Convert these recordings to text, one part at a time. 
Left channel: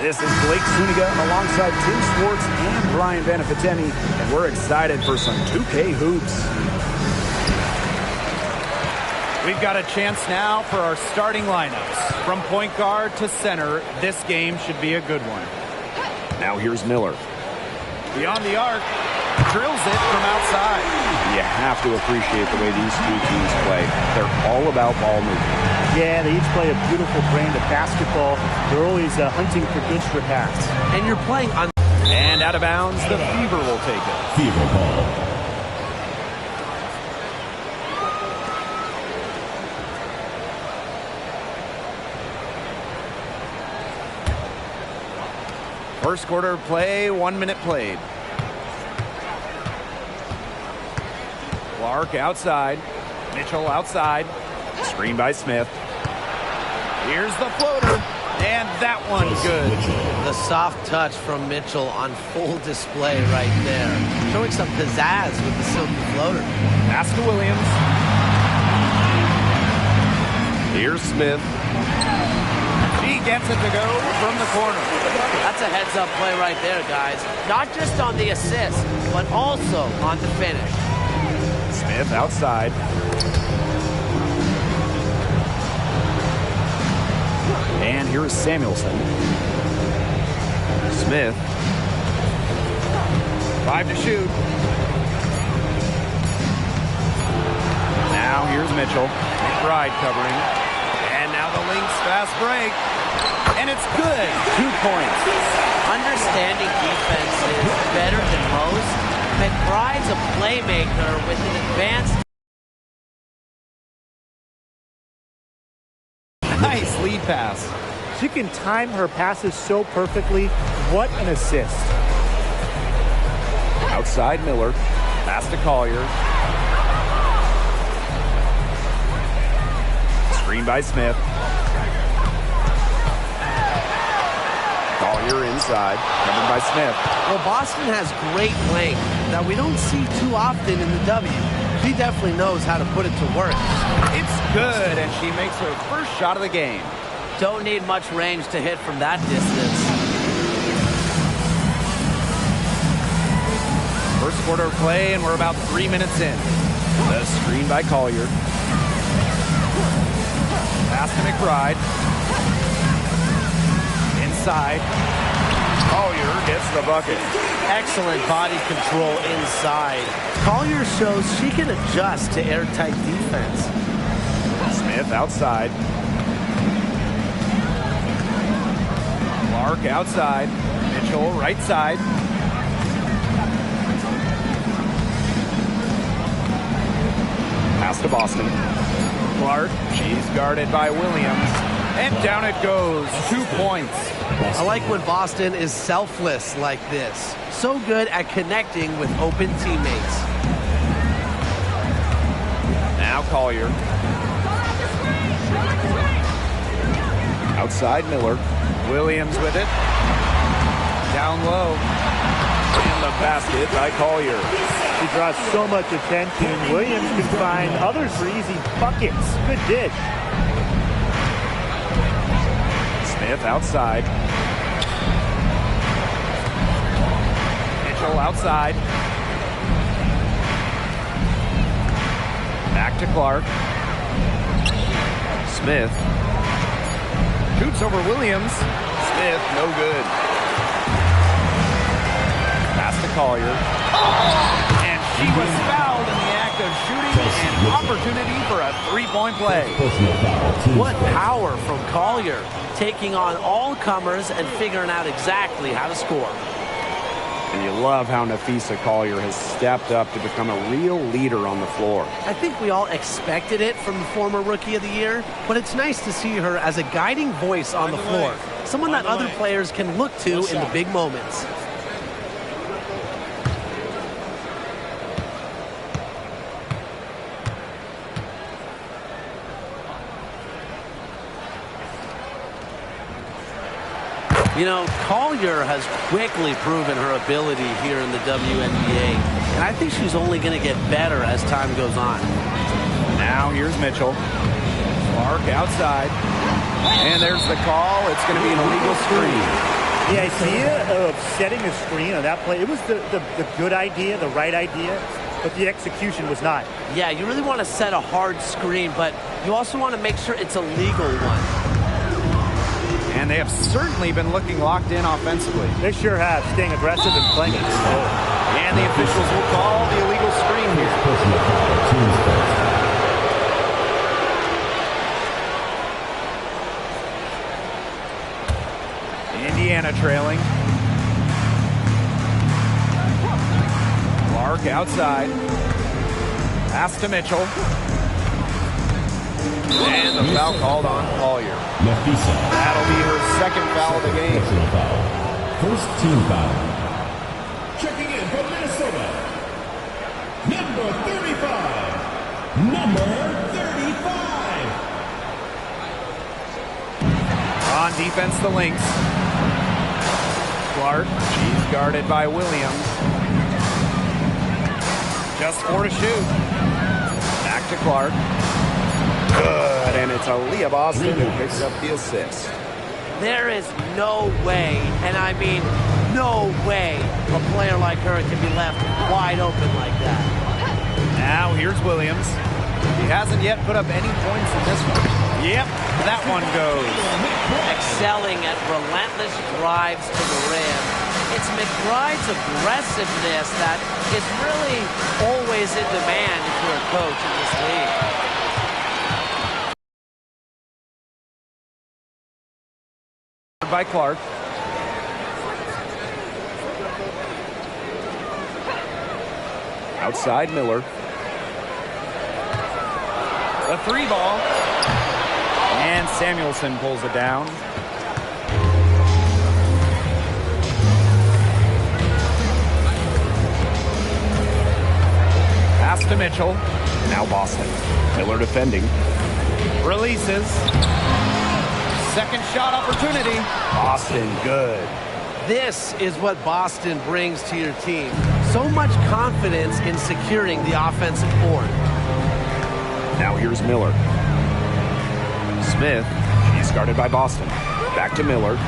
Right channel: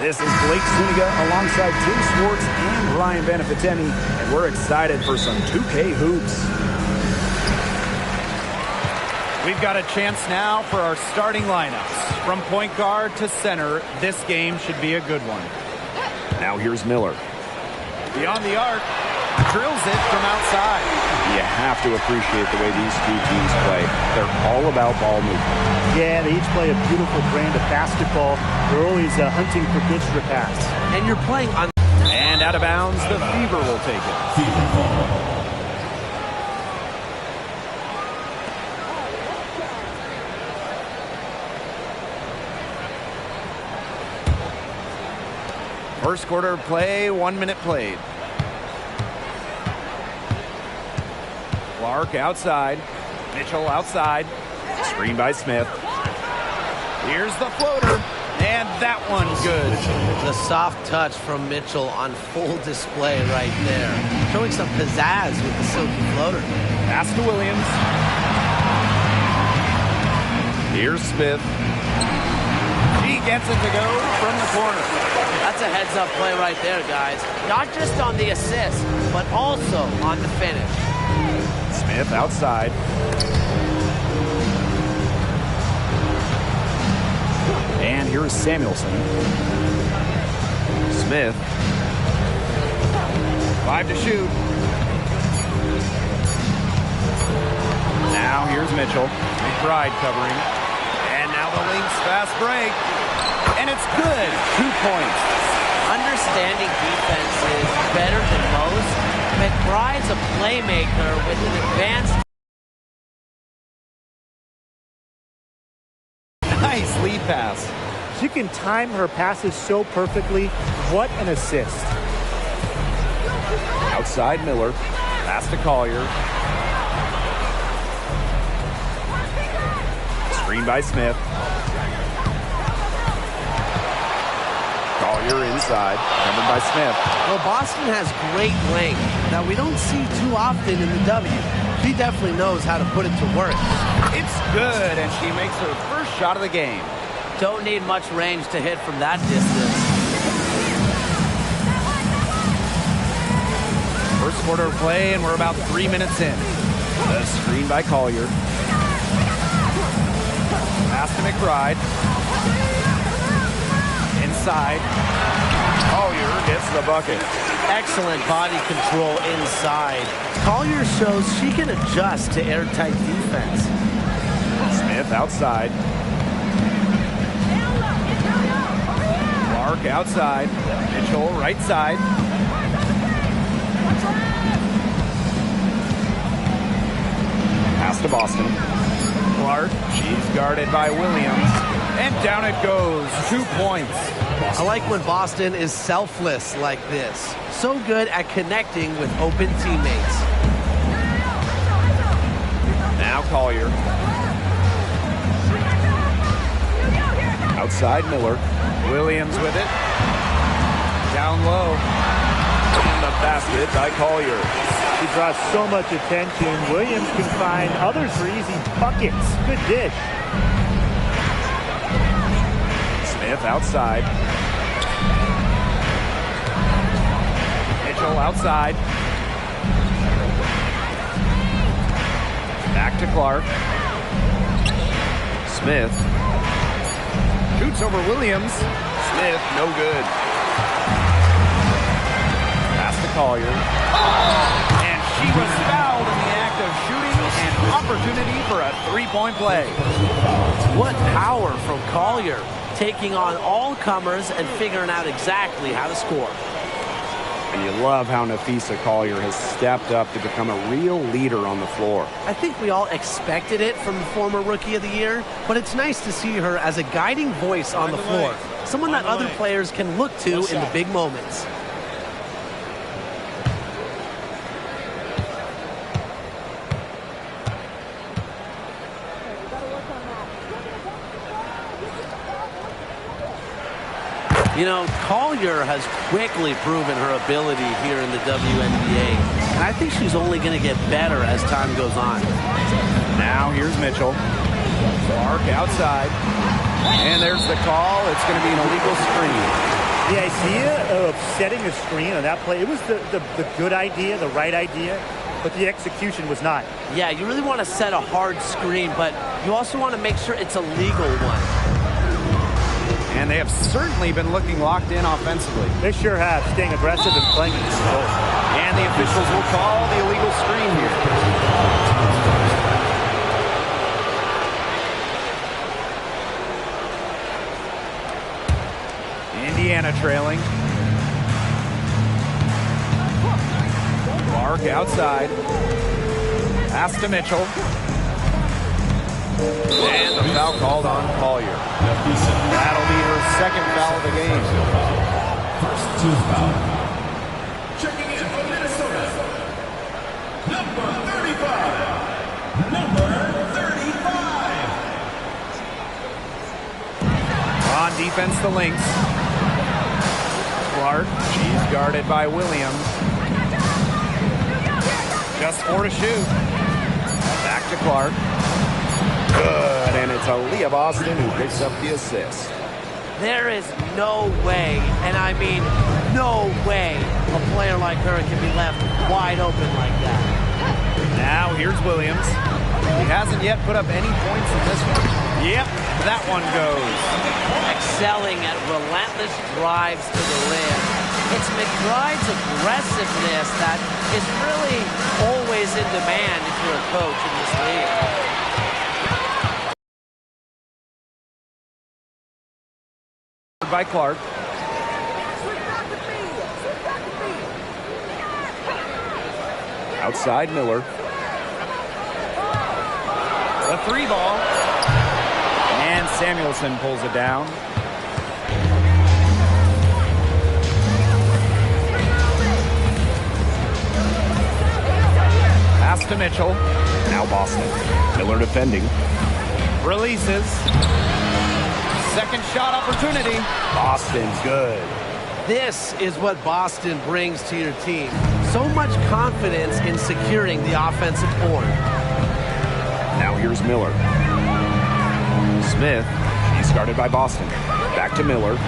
This is Blake Zuniga alongside Tim Schwartz and Ryan Beneficeni, and we're excited for some 2K hoops. We've got a chance now for our starting lineups. From point guard to center, this game should be a good one. Now here's Miller. Beyond the arc, drills it from outside. You have to appreciate the way these two teams play. They're all about ball movement. Yeah, they each play a beautiful brand of basketball. They're always hunting for good strip pass. And you're playing on... And out of bounds, the Fever will take it. Fever ball. First quarter of play, 1 minute played. Clark outside. Mitchell outside. Screen by Smith. Here's the floater. And that one good. The soft touch from Mitchell on full display right there. Showing some pizzazz with the silky floater. Pass to Williams. Here's Smith. He gets it to go from the corner. That's a heads-up play right there, guys. Not just on the assist, but also on the finish. Smith outside. And here's Samuelson. Smith. 5 to shoot. Now here's Mitchell. McBride covering. And now the Lynx fast break. And it's good. 2 points. Understanding defense is better than most. McBride's a playmaker with an advanced... Nice lead pass. She can time her passes so perfectly. What an assist. Outside Miller. Pass to Collier. Screen by Smith. Collier inside. Covered by Smith. Well, Boston has great length that we don't see too often in the W. She definitely knows how to put it to work. It's good, and she makes her first shot of the game. Don't need much range to hit from that distance. First quarter of play, and we're about 3 minutes in. The screen by Collier. Pass to McBride. Inside. Collier gets the bucket. Excellent body control inside. Collier shows she can adjust to airtight defense. Smith outside. Clark outside. Mitchell right side. Pass to Boston. Clark, she's guarded by Williams. And down it goes. 2 points. I like when Boston is selfless like this. So good at connecting with open teammates. Now Collier. Outside Miller. Williams with it. Down low. And the basket by Collier. She draws so much attention. Williams can find others for easy buckets. Good dish. Smith outside. Mitchell outside. Back to Clark. Smith. Shoots over Williams. Smith, no good. Pass to Collier. And she was fouled in the act of shooting, an opportunity for a three-point play. What power from Collier, taking on all comers and figuring out exactly how to score. And you love how Nafisa Collier has stepped up to become a real leader on the floor. I think we all expected it from the former Rookie of the Year, but it's nice to see her as a guiding voice on the floor. Someone that other players can look to in the big moments. You know, Collier has quickly proven her ability here in the WNBA, and I think she's only going to get better as time goes on. Now here's Mitchell. Clark outside. And there's the call. It's going to be an illegal screen. The idea of setting a screen on that play, it was the good idea, the right idea, but the execution was not. Yeah, you really want to set a hard screen, but you also want to make sure it's a legal one. And they have certainly been looking locked in offensively. They sure have, staying aggressive and playing in control. And the officials will call the illegal screen here. Indiana trailing. Clark outside. Pass to Mitchell. And the foul called on Collier. That'll be her second foul of the game. First team foul. Checking in from Minnesota. Number 35. Number 35. On defense, the Lynx. Clark, she's guarded by Williams. Just 4 to shoot. Back to Clark. Good, and it's Aaliyah Boston who picks up the assist. There is no way, and I mean no way, a player like her can be left wide open like that. Now here's Williams. He hasn't yet put up any points in this one. Yep, that one goes. Excelling at relentless drives to the rim. It's McBride's aggressiveness that is really always in demand if you're a coach in this league. By Clark. Outside Miller. The 3 ball. And Samuelson pulls it down. Pass to Mitchell. Now Boston. Miller defending. Releases. Second shot opportunity. Boston, good. This is what Boston brings to your team. So much confidence in securing the offensive board. Now here's Miller. Smith, she's guarded by Boston. Back to Miller.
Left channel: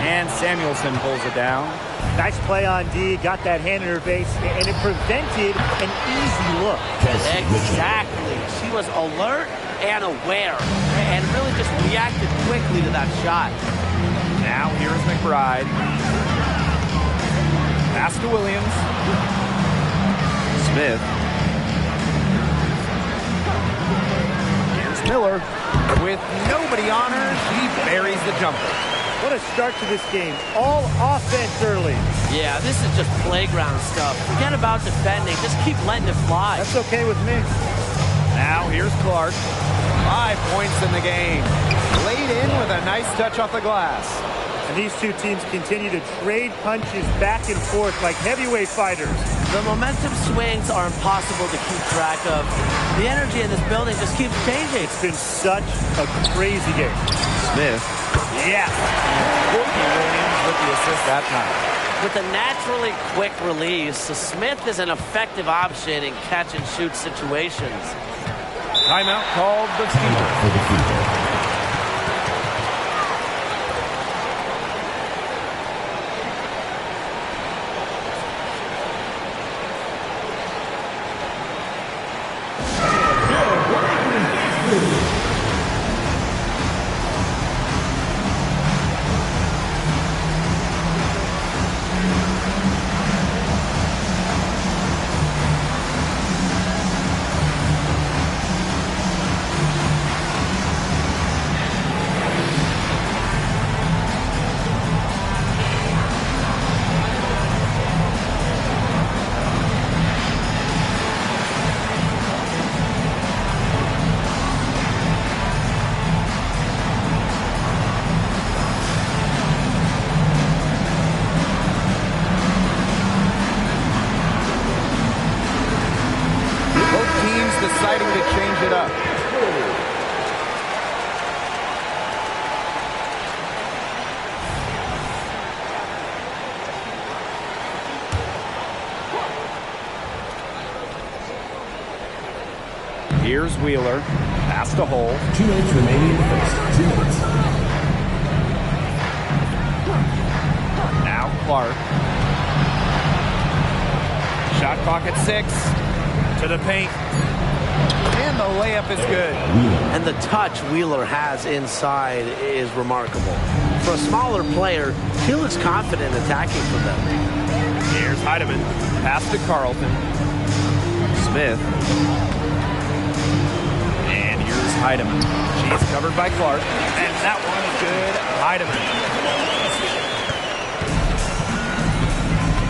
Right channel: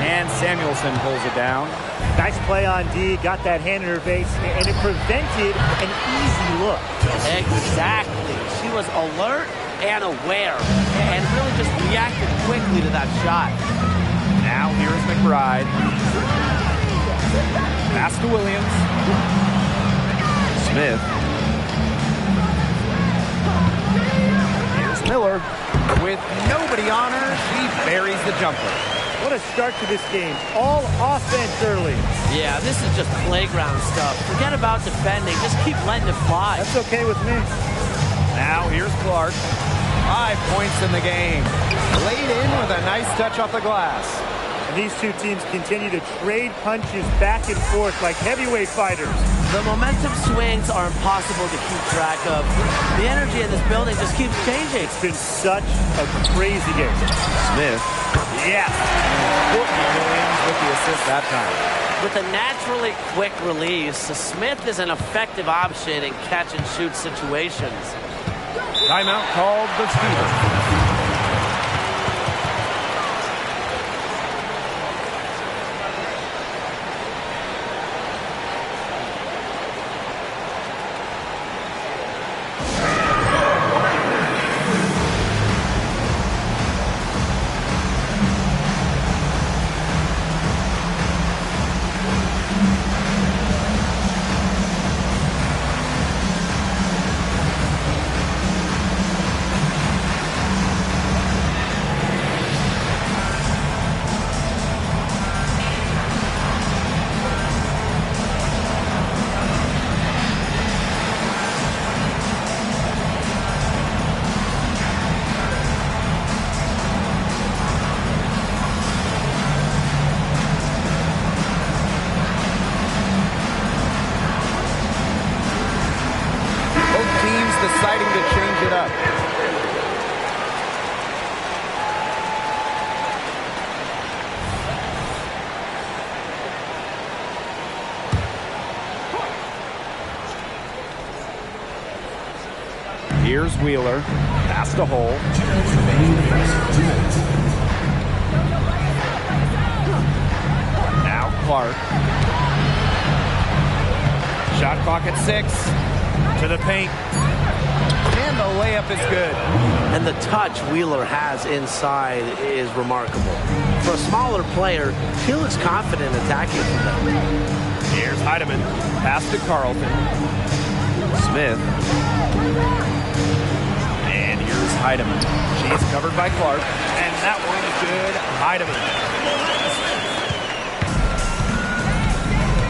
And Samuelson pulls it down. Nice play on D, got that hand in her face, and it prevented an easy look. Exactly. She was alert and aware, and really just reacted quickly to that shot. Now here's McBride. Pass to Williams. Smith. Here's Miller. With nobody on her, she buries the jumper. What a start to this game. All offense early. Yeah, this is just playground stuff. Forget about defending. Just keep letting it fly. That's okay with me. Now here's Clark. 5 points in the game. Laid in with a nice touch off the glass. And these two teams continue to trade punches back and forth like heavyweight fighters. The momentum swings are impossible to keep track of. The energy in this building just keeps changing. It's been such a crazy game. Smith. Yes. And Courtney Williams with the assist that time. With a naturally quick release, Smith is an effective option in catch-and-shoot situations. Timeout called the Fever. Both teams deciding to change it up. Here's Wheeler. Pass to Hole. 2 minutes remaining. 2 minutes. Clark. Shot clock at 6. To the paint. And the layup is good. And the touch Wheeler has inside is remarkable. For a smaller player, he looks confident attacking from them. Here's Heidemann. Pass to Carlton. Smith. And here's Heidemann. She's covered by Clark. And that one's good. Heidemann.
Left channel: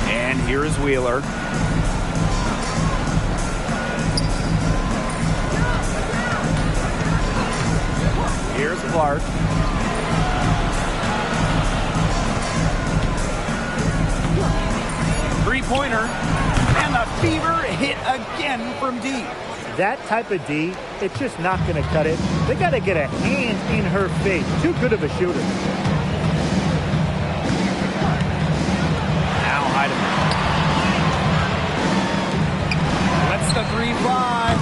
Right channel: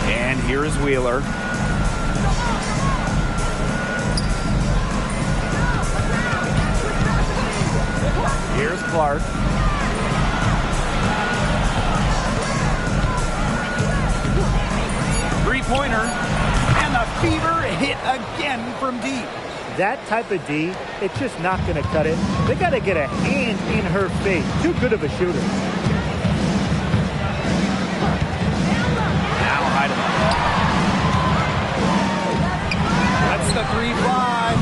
And here is Wheeler. Here's Clark. Three-pointer. And the Fever hit again from deep. That type of D, it's just not going to cut it. They got to get a hand in her face. Too good of a shooter. Now Heidemann. Lets the three fly.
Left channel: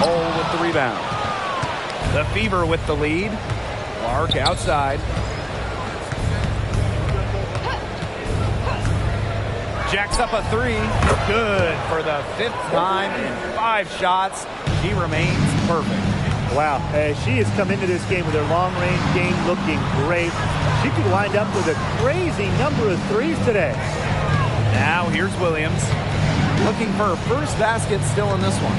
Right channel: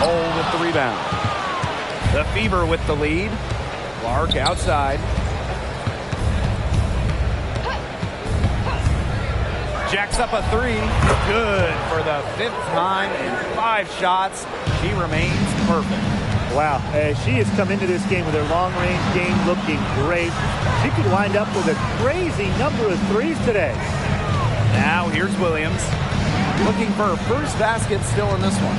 Cole with the rebound. The Fever with the lead. Clark outside. Jacks up a 3. Good for the 5th time in 5 shots. She remains perfect. Wow, she has come into this game with her long-range game looking great. She could wind up with a crazy number of threes today. Now here's Williams. Looking for her first basket still in this one.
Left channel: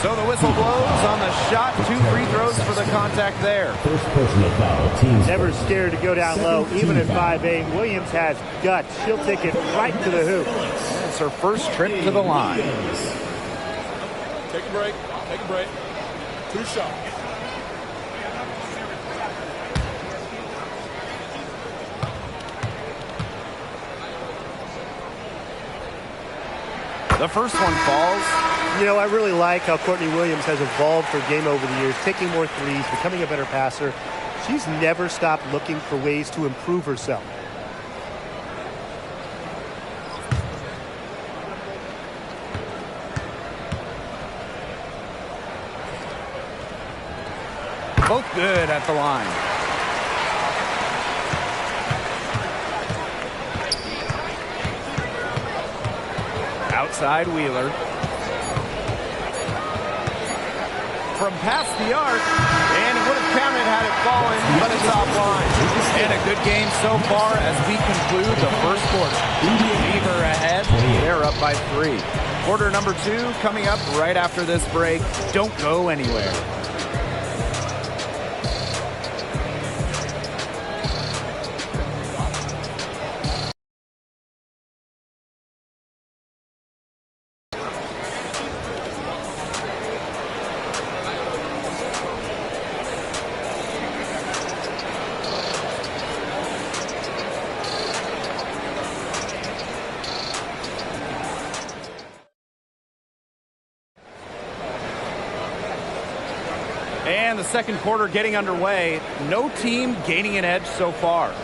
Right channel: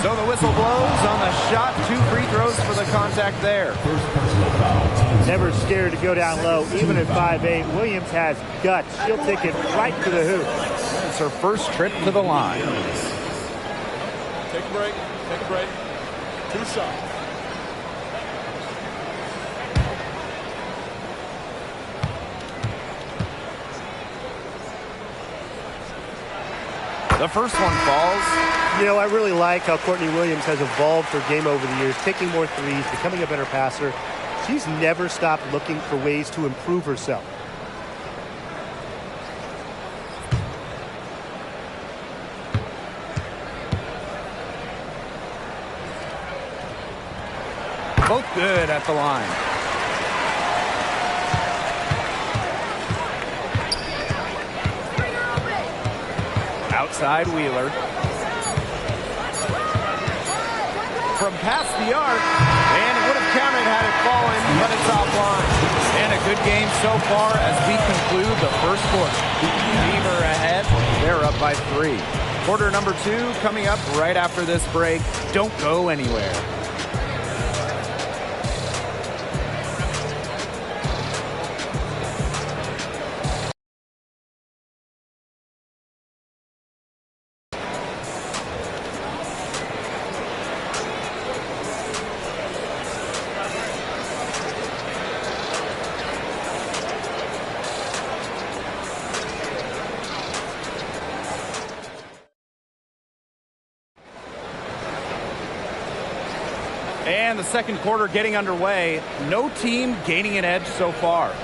So the whistle blows on the shot. 2 free throws for the contact there. First personal foul. Team Never scared to go down low, even at 5'8". Williams has guts. She'll take it right to the hoop. And it's her first trip to the line. Take a break. Take a break. 2 shots. The first one falls. You know, I really like how Courtney Williams has evolved her game over the years, taking more threes, becoming a better passer. She's never stopped looking for ways to improve herself. Both good at the line. Outside Wheeler. From past the arc, and it would have counted had it fallen, but it's offline. And a good game so far as we conclude the first quarter. Fever ahead, they're up by 3. Quarter number 2 coming up right after this break. Don't go anywhere. And the second quarter getting underway. No team gaining an edge so far.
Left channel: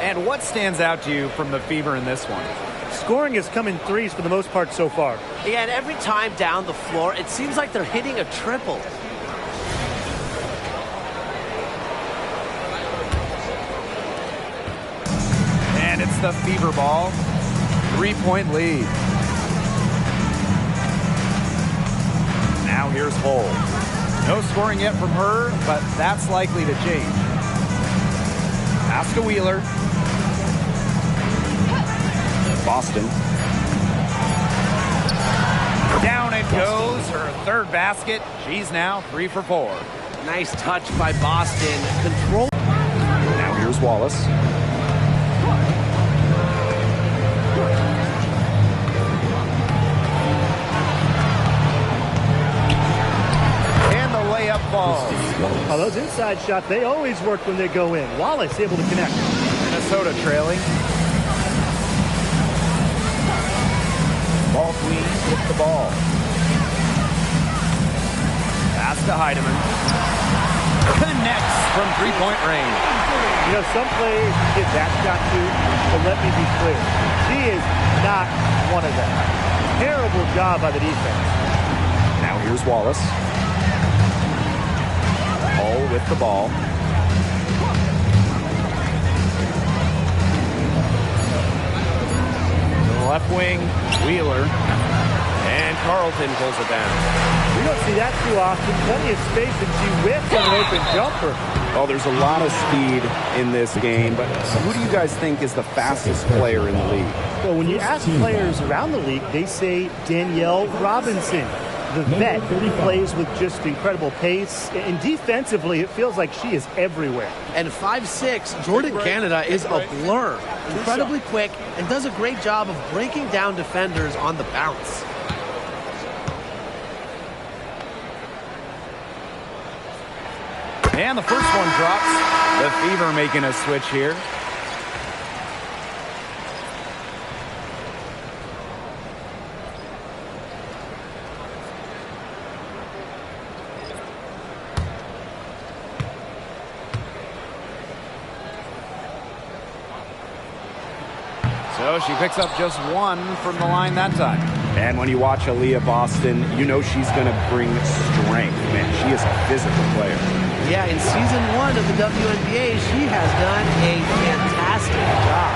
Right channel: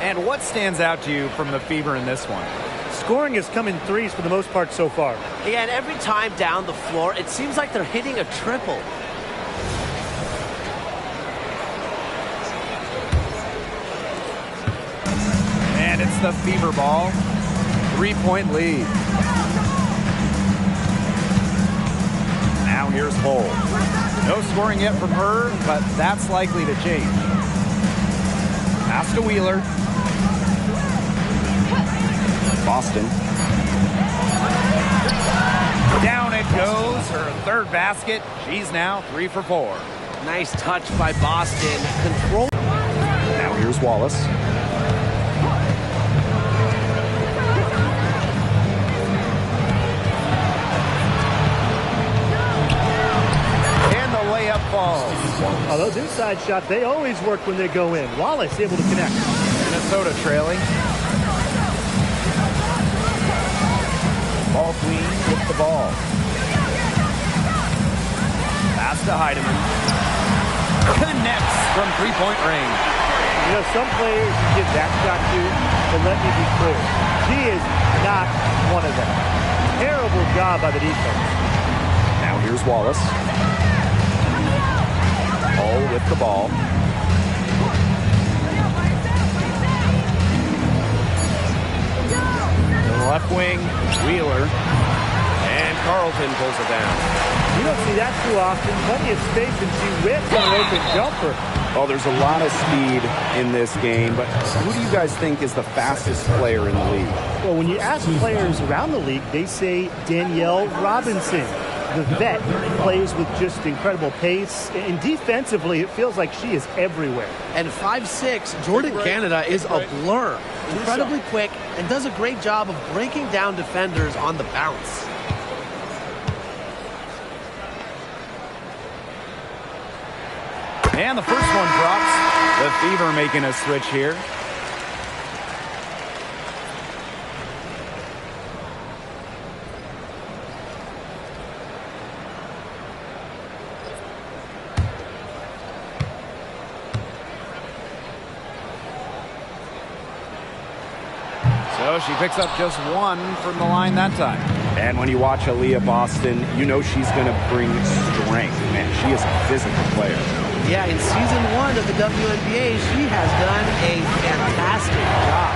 And what stands out to you from the Fever in this one? Scoring has come in threes for the most part so far. Yeah, and every time down the floor, it seems like they're hitting a triple. And it's the Fever ball. 3-point lead. Now here's Hull. No scoring yet from her, but that's likely to change. Pass to Wheeler. Boston. Down it goes. Her third basket. She's now 3 for 4. Nice touch by Boston. Control. Now here's Wallace. Layup falls. Oh, those inside shots, they always work when they go in. Wallace able to connect. Minnesota trailing. Ball queen with the ball. Pass to Heidemann. Connects from 3-point range. You know, some players you give that shot to, but let me be clear. She is not one of them. Terrible job by the defense. Now here's Wallace. Hull with the ball. Left wing, Wheeler. And Carlton pulls it down. We don't see that too often. Plenty of space, and she whips on an open jumper. Well, there's a lot of speed in this game, but who do you guys think is the fastest player in the league? Well, when you ask players around the league, they say Danielle Robinson. The vet plays with just incredible pace, and defensively, it feels like she is everywhere. And 5'6", Jordan Canada is a blur. Incredibly quick and does a great job of breaking down defenders on the bounce. And the first one drops. The Fever making a switch here. So she picks up just one from the line that time. And when you watch Aaliyah Boston, you know she's going to bring strength. Man, she is a physical player. Yeah, in season 1 of the WNBA, she has done a fantastic job.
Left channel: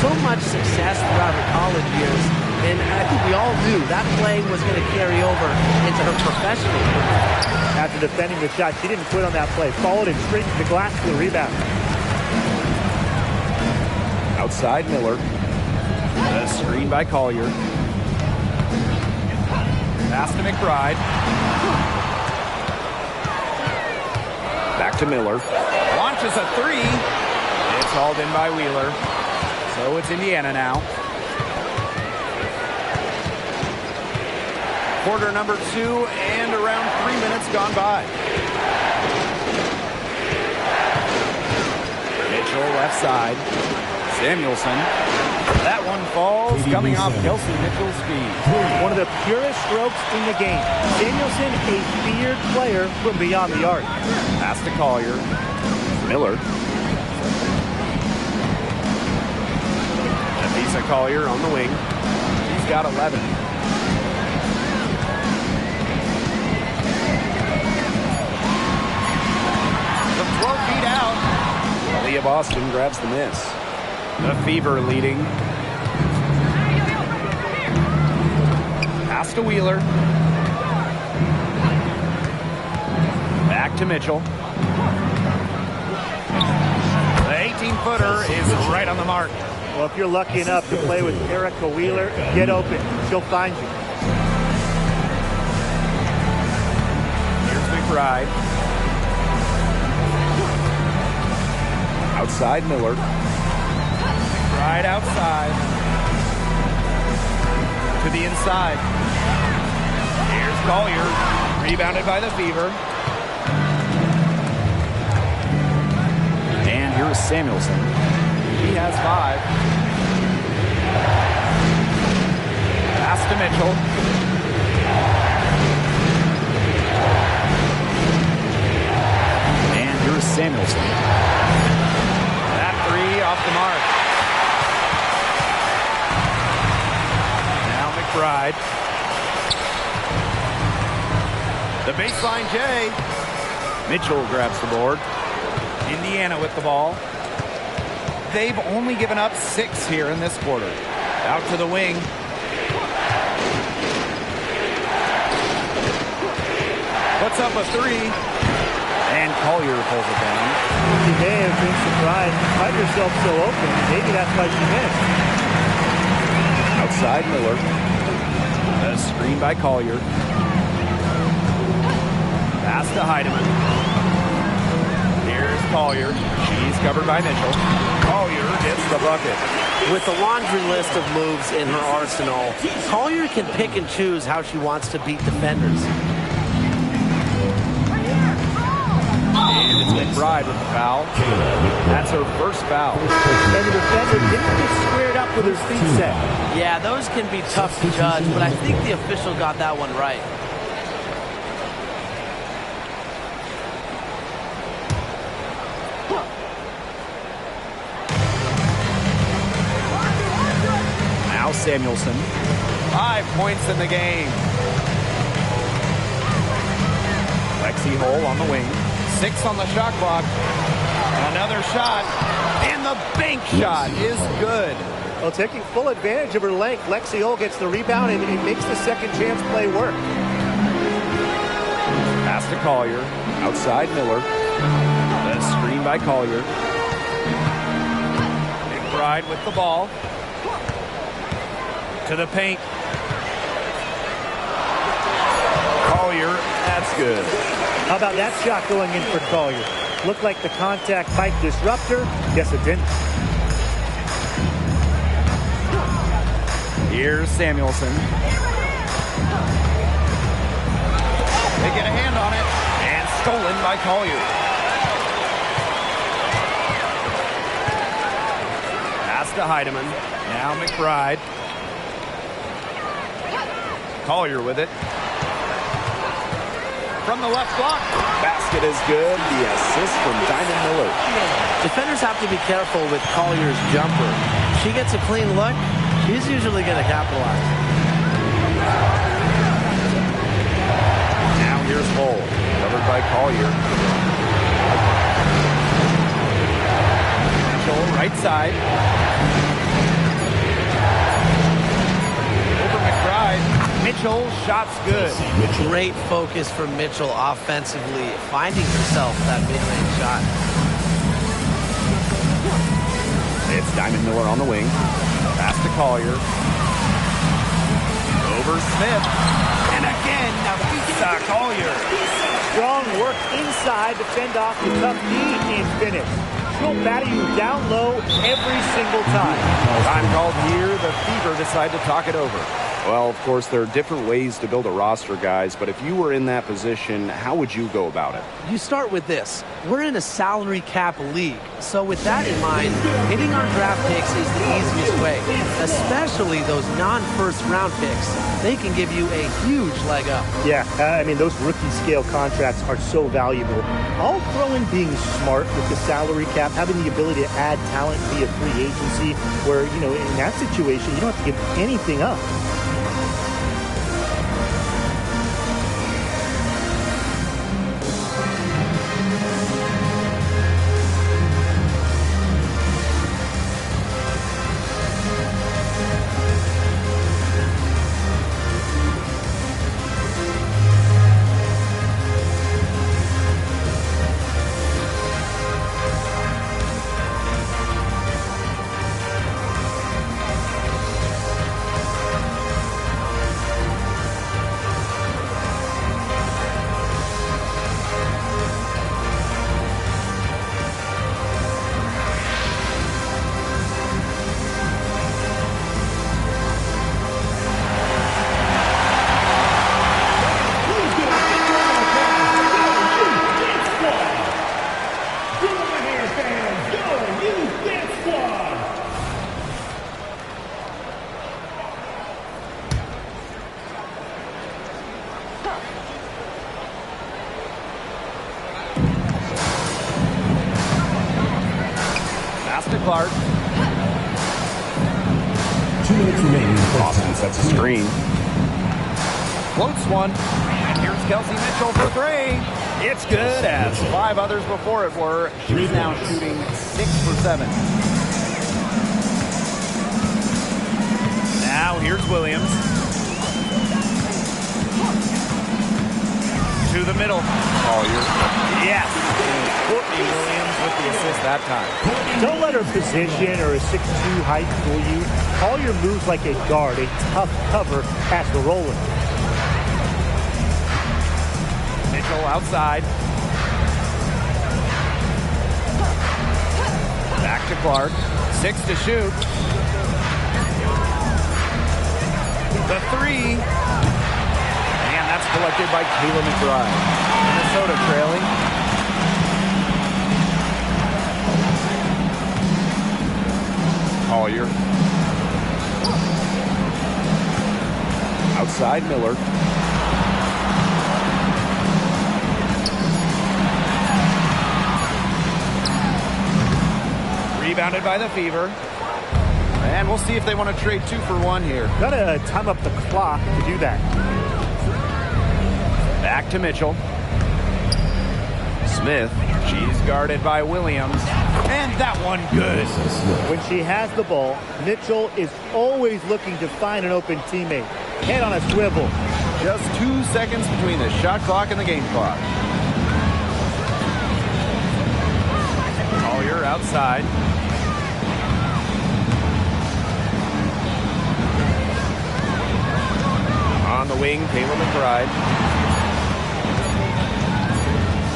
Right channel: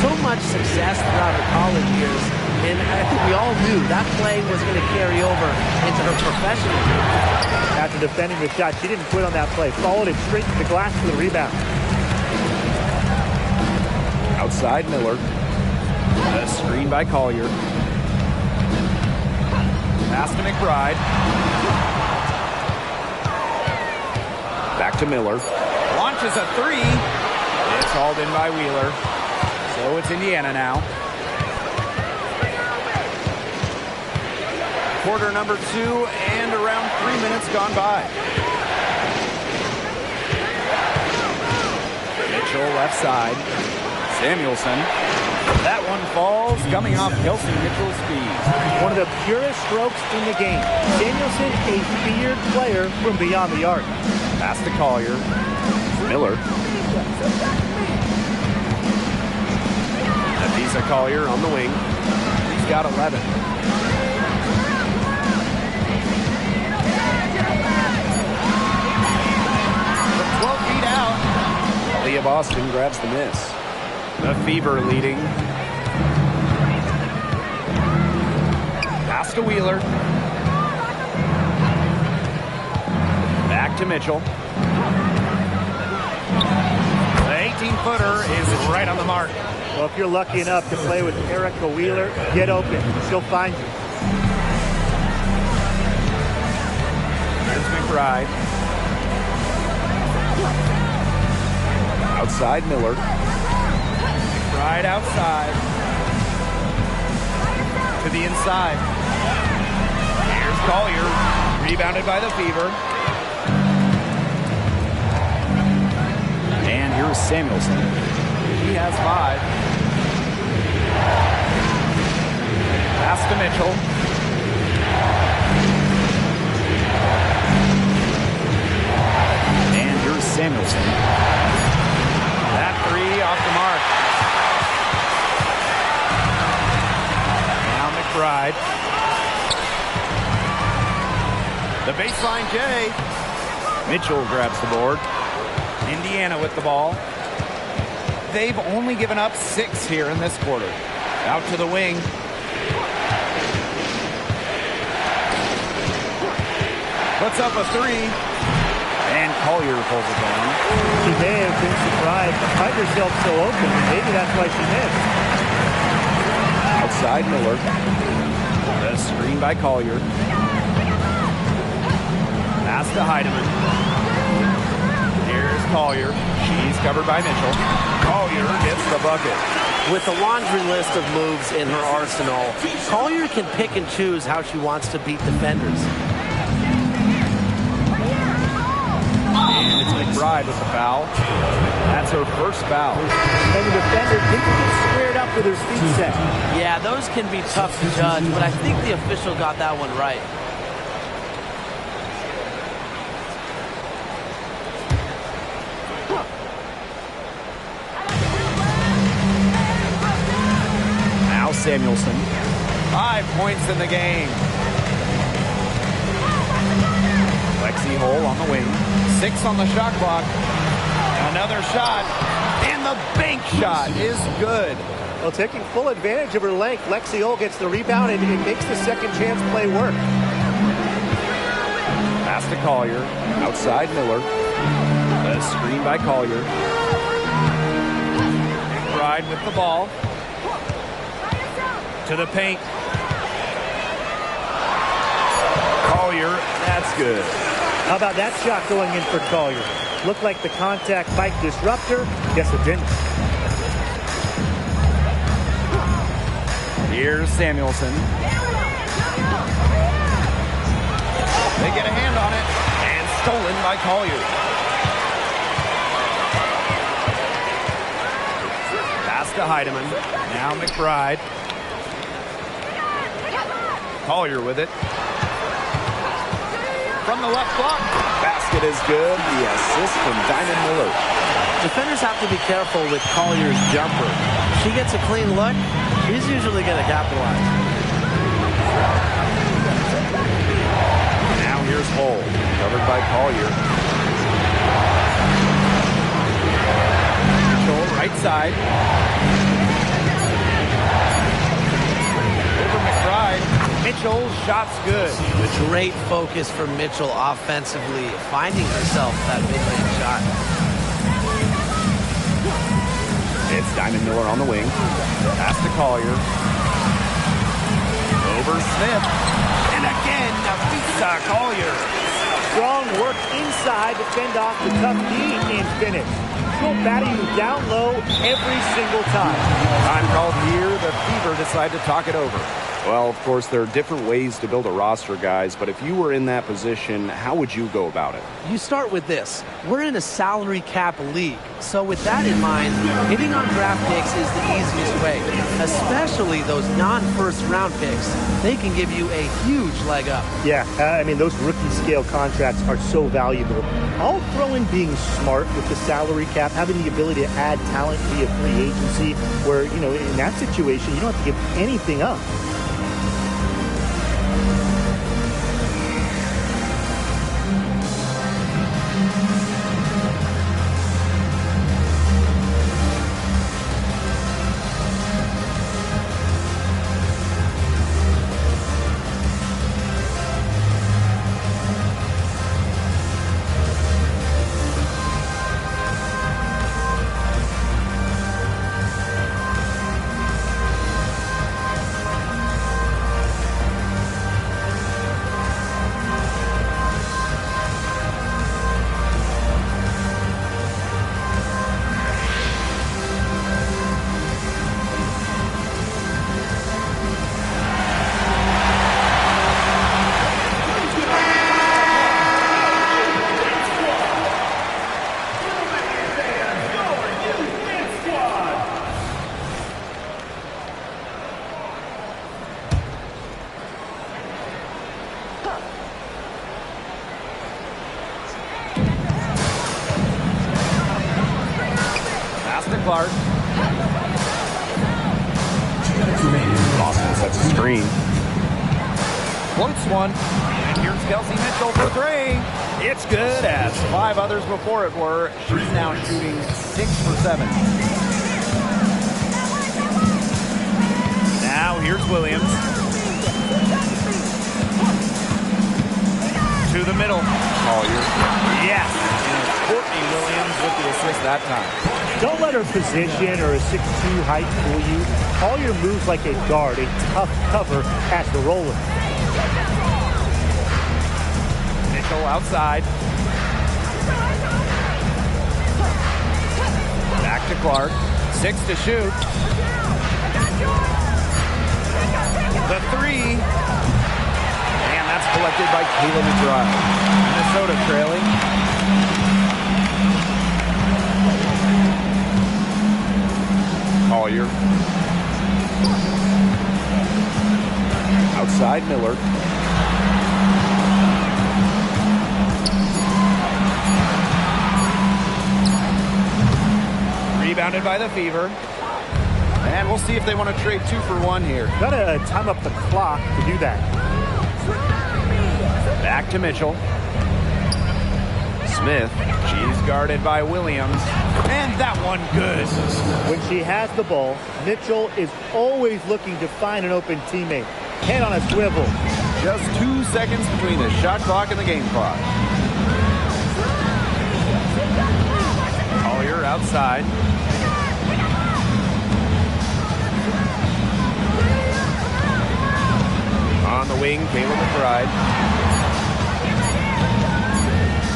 So much success throughout her college years, and I think we all knew that play was going to carry over into her professional career. After defending the shot, she didn't quit on that play. Followed it straight to the glass for the rebound. Outside Miller. A screen by Collier. Pass to McBride. Back to Miller. Launches a three. It's hauled in by Wheeler. So it's Indiana now. Quarter number 2 and around 3 minutes gone by. Mitchell left side. Samuelson. That one falls, coming off Kelsey Mitchell's feet. One of the purest strokes in the game. Samuelson, a feared player from beyond the arc. Pass to Collier. Miller. Nafisa Collier on the wing. He's got 11. From 12 feet out. Aaliyah Boston grabs the miss. The Fever leading. Pass to Wheeler. Back to Mitchell. The 18-footer is right on the mark. Well, if you're lucky enough to play with Erica Wheeler, get open. She'll find you. Here's McBride. Outside Miller. McBride outside. To the inside. Here's Collier. Rebounded by the Fever. And here is Samuelson. He has 5. Pass to Mitchell. And here is Samuelson. That 3 off the mark. Now McBride. The baseline J. Mitchell grabs the board. Indiana with the ball. They've only given up 6 here in this quarter. Out to the wing. Puts up a 3. And Collier pulls it down. She may have been surprised to find herself so open. Maybe that's why she missed. Outside Miller. The screen by Collier. Pass to Heidemann. Here's Collier. She's covered by Mitchell. Collier gets the bucket. With a laundry list of moves in her arsenal, Collier can pick and choose how she wants to beat defenders. And it's McBride with the foul. That's her first foul. And the defender didn't get squared up with her feet set. Yeah, those can be tough to judge, but I think the official got that one right. Now Samuelson. 5 points in the game. Lexi Hole on the wing. 6 on the shot clock. Another shot. And the bank shot is good. Well, taking full advantage of her length, Lexi Hull gets the rebound, and it makes the second chance play work. Pass to Collier. Outside Miller. The screen by Collier. McBride with the ball. To the paint. Collier, that's good. How about that shot going in for Collier? Looked like the contact might disrupt her. Guess it didn't. Here's Samuelson. They get a hand on it. And stolen by Collier. Pass to Heidemann. Now McBride. Collier with it. From the left block. Basket is good. The assist from Diamond Miller. Defenders have to be careful with Collier's jumper. If she gets a clean look, she's usually going to capitalize. Now here's Hull. Covered by Collier. Mitchell, right side. Over McBride. Mitchell, shot's good. Great focus from Mitchell offensively, finding herself that mid-range shot. It's Diamond Miller on the wing. Pass to Collier. Over Smith. And again, Nafisa Collier. Strong work inside to fend off the tough D and finish. She'll battle you down low every single time. Time called here. The Fever decide to talk it over. Well, of course, there are different ways to build a roster, guys, but if you were in that position, how would you go about it? You start with this. We're in a salary cap league. So with that in mind, hitting on draft picks is the easiest way, especially those non-first round picks. They can give you a huge leg up. Yeah, I mean, those rookie scale contracts are so valuable. I'll throw in being smart with the salary cap, having the ability to add talent via free agency, where, you know, in that situation, you don't have to give anything up. Clark. 2 minutes remaining. Boston sets a screen. Floats one. And here's Kelsey Mitchell for three. It's good, as 5 others before it were. She's now shooting 6 for 7. Now here's Williams. To the middle. Collier. Yes. And it's Courtney Williams with the assist that time. Don't let her position or a 6'2" height fool you. Collier moves like a guard, a tough cover as the roller. Mitchell outside. Back to Clark. 6 to shoot. The 3. And that's collected by Kayla McBride. Minnesota trailing. Collier. Outside Miller. Rebounded by the Fever. And we'll see if they want to trade 2 for 1 here. Gotta time up the clock to do that. Back to Mitchell. Smith. She's guarded by Williams. And that one good. When she has the ball, Mitchell is always looking to find an open teammate. Head on a swivel. Just 2 seconds between the shot clock and the game clock. Collier outside. On the wing, Kayla McBride.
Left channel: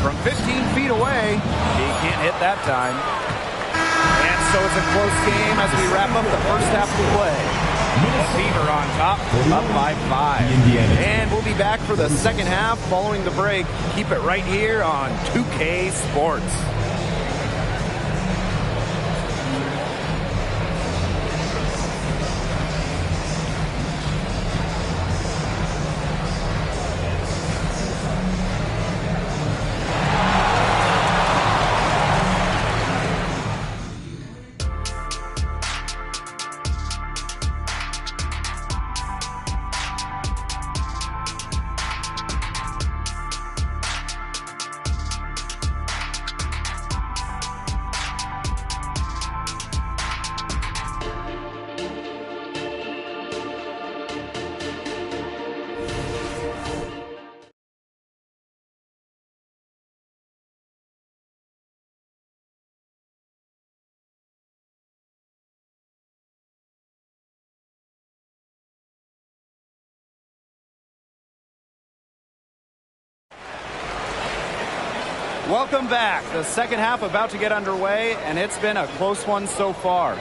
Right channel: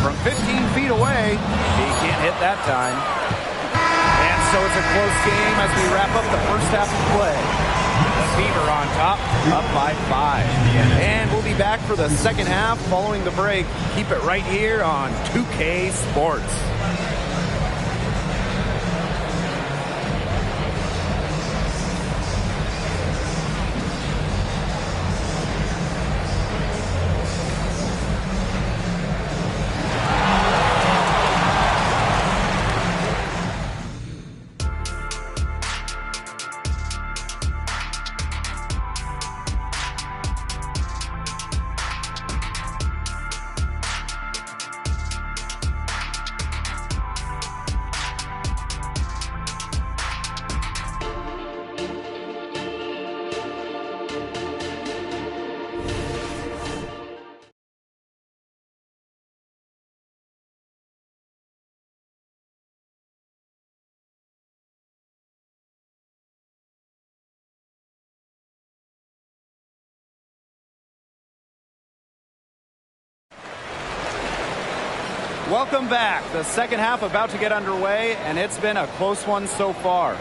From 15 feet away, he can't hit that time. And so it's a close game as we wrap up the first half of play. The Fever on top, up by 5. And we'll be back for the second half following the break. Keep it right here on 2K Sports. Welcome back. The second half about to get underway, and it's been a close one so far.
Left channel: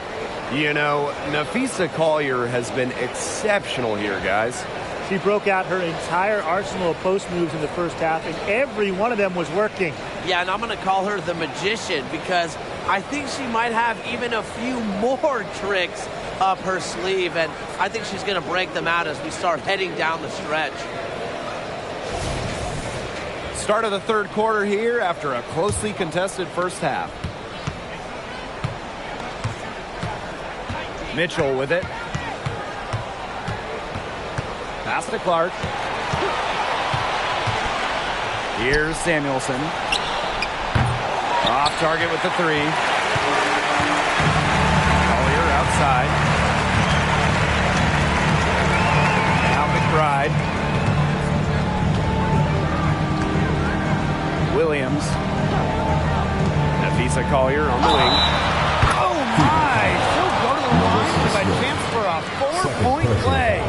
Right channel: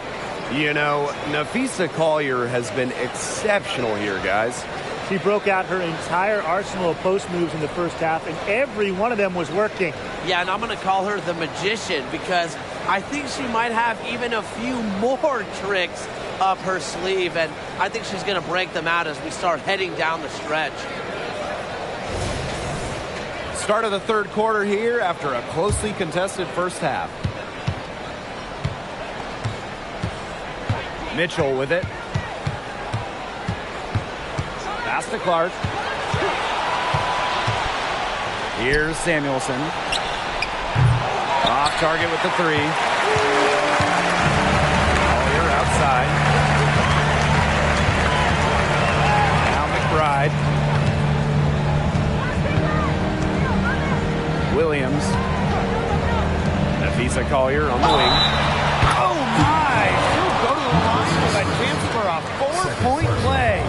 You know, Nafisa Collier has been exceptional here, guys. She broke out her entire arsenal of post moves in the first half, and every one of them was working. Yeah, and I'm going to call her the magician because I think she might have even a few more tricks up her sleeve, and I think she's going to break them out as we start heading down the stretch. Start of the third quarter here after a closely contested first half. Mitchell with it. Pass to Clark. Here's Samuelson. Off target with the 3. Collier outside. Now McBride. Williams. Nafisa Collier on the wing. Oh my! She'll go to the line with a chance for a 4-point play.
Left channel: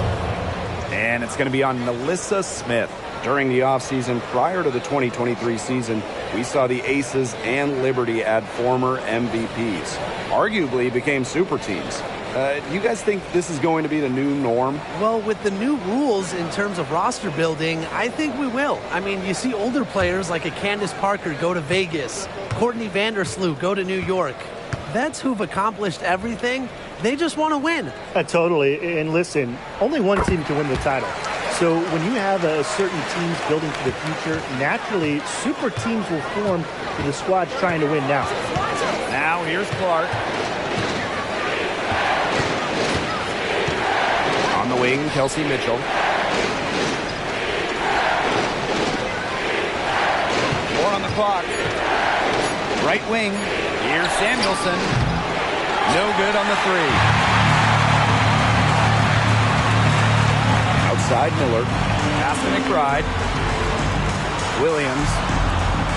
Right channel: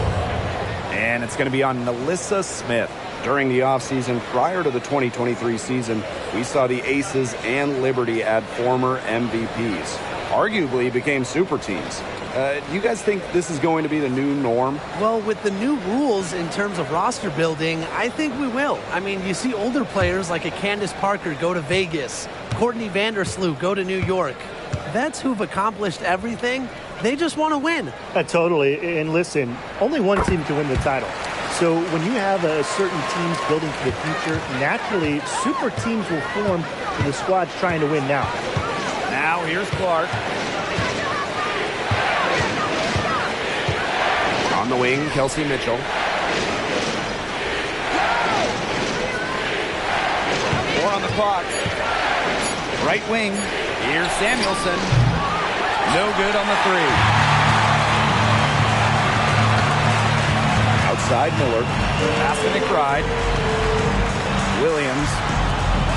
And it's going to be on Melissa Smith. During the offseason prior to the 2023 season, we saw the Aces and Liberty add former MVPs. Arguably became super teams. Do you guys think this is going to be the new norm? Well, with the new rules in terms of roster building, I think we will. I mean, you see older players like a Candace Parker go to Vegas, Courtney Vandersloot go to New York. Vets who've accomplished everything, they just want to win. Totally. And listen, only one team can win the title. So when you have certain teams building for the future, naturally, super teams will form for the squads trying to win now. Now here's Clark. On the wing, Kelsey Mitchell. More on the clock. Right wing. Here's Samuelson. No good on the 3. Outside Miller. Pass to McBride. Williams.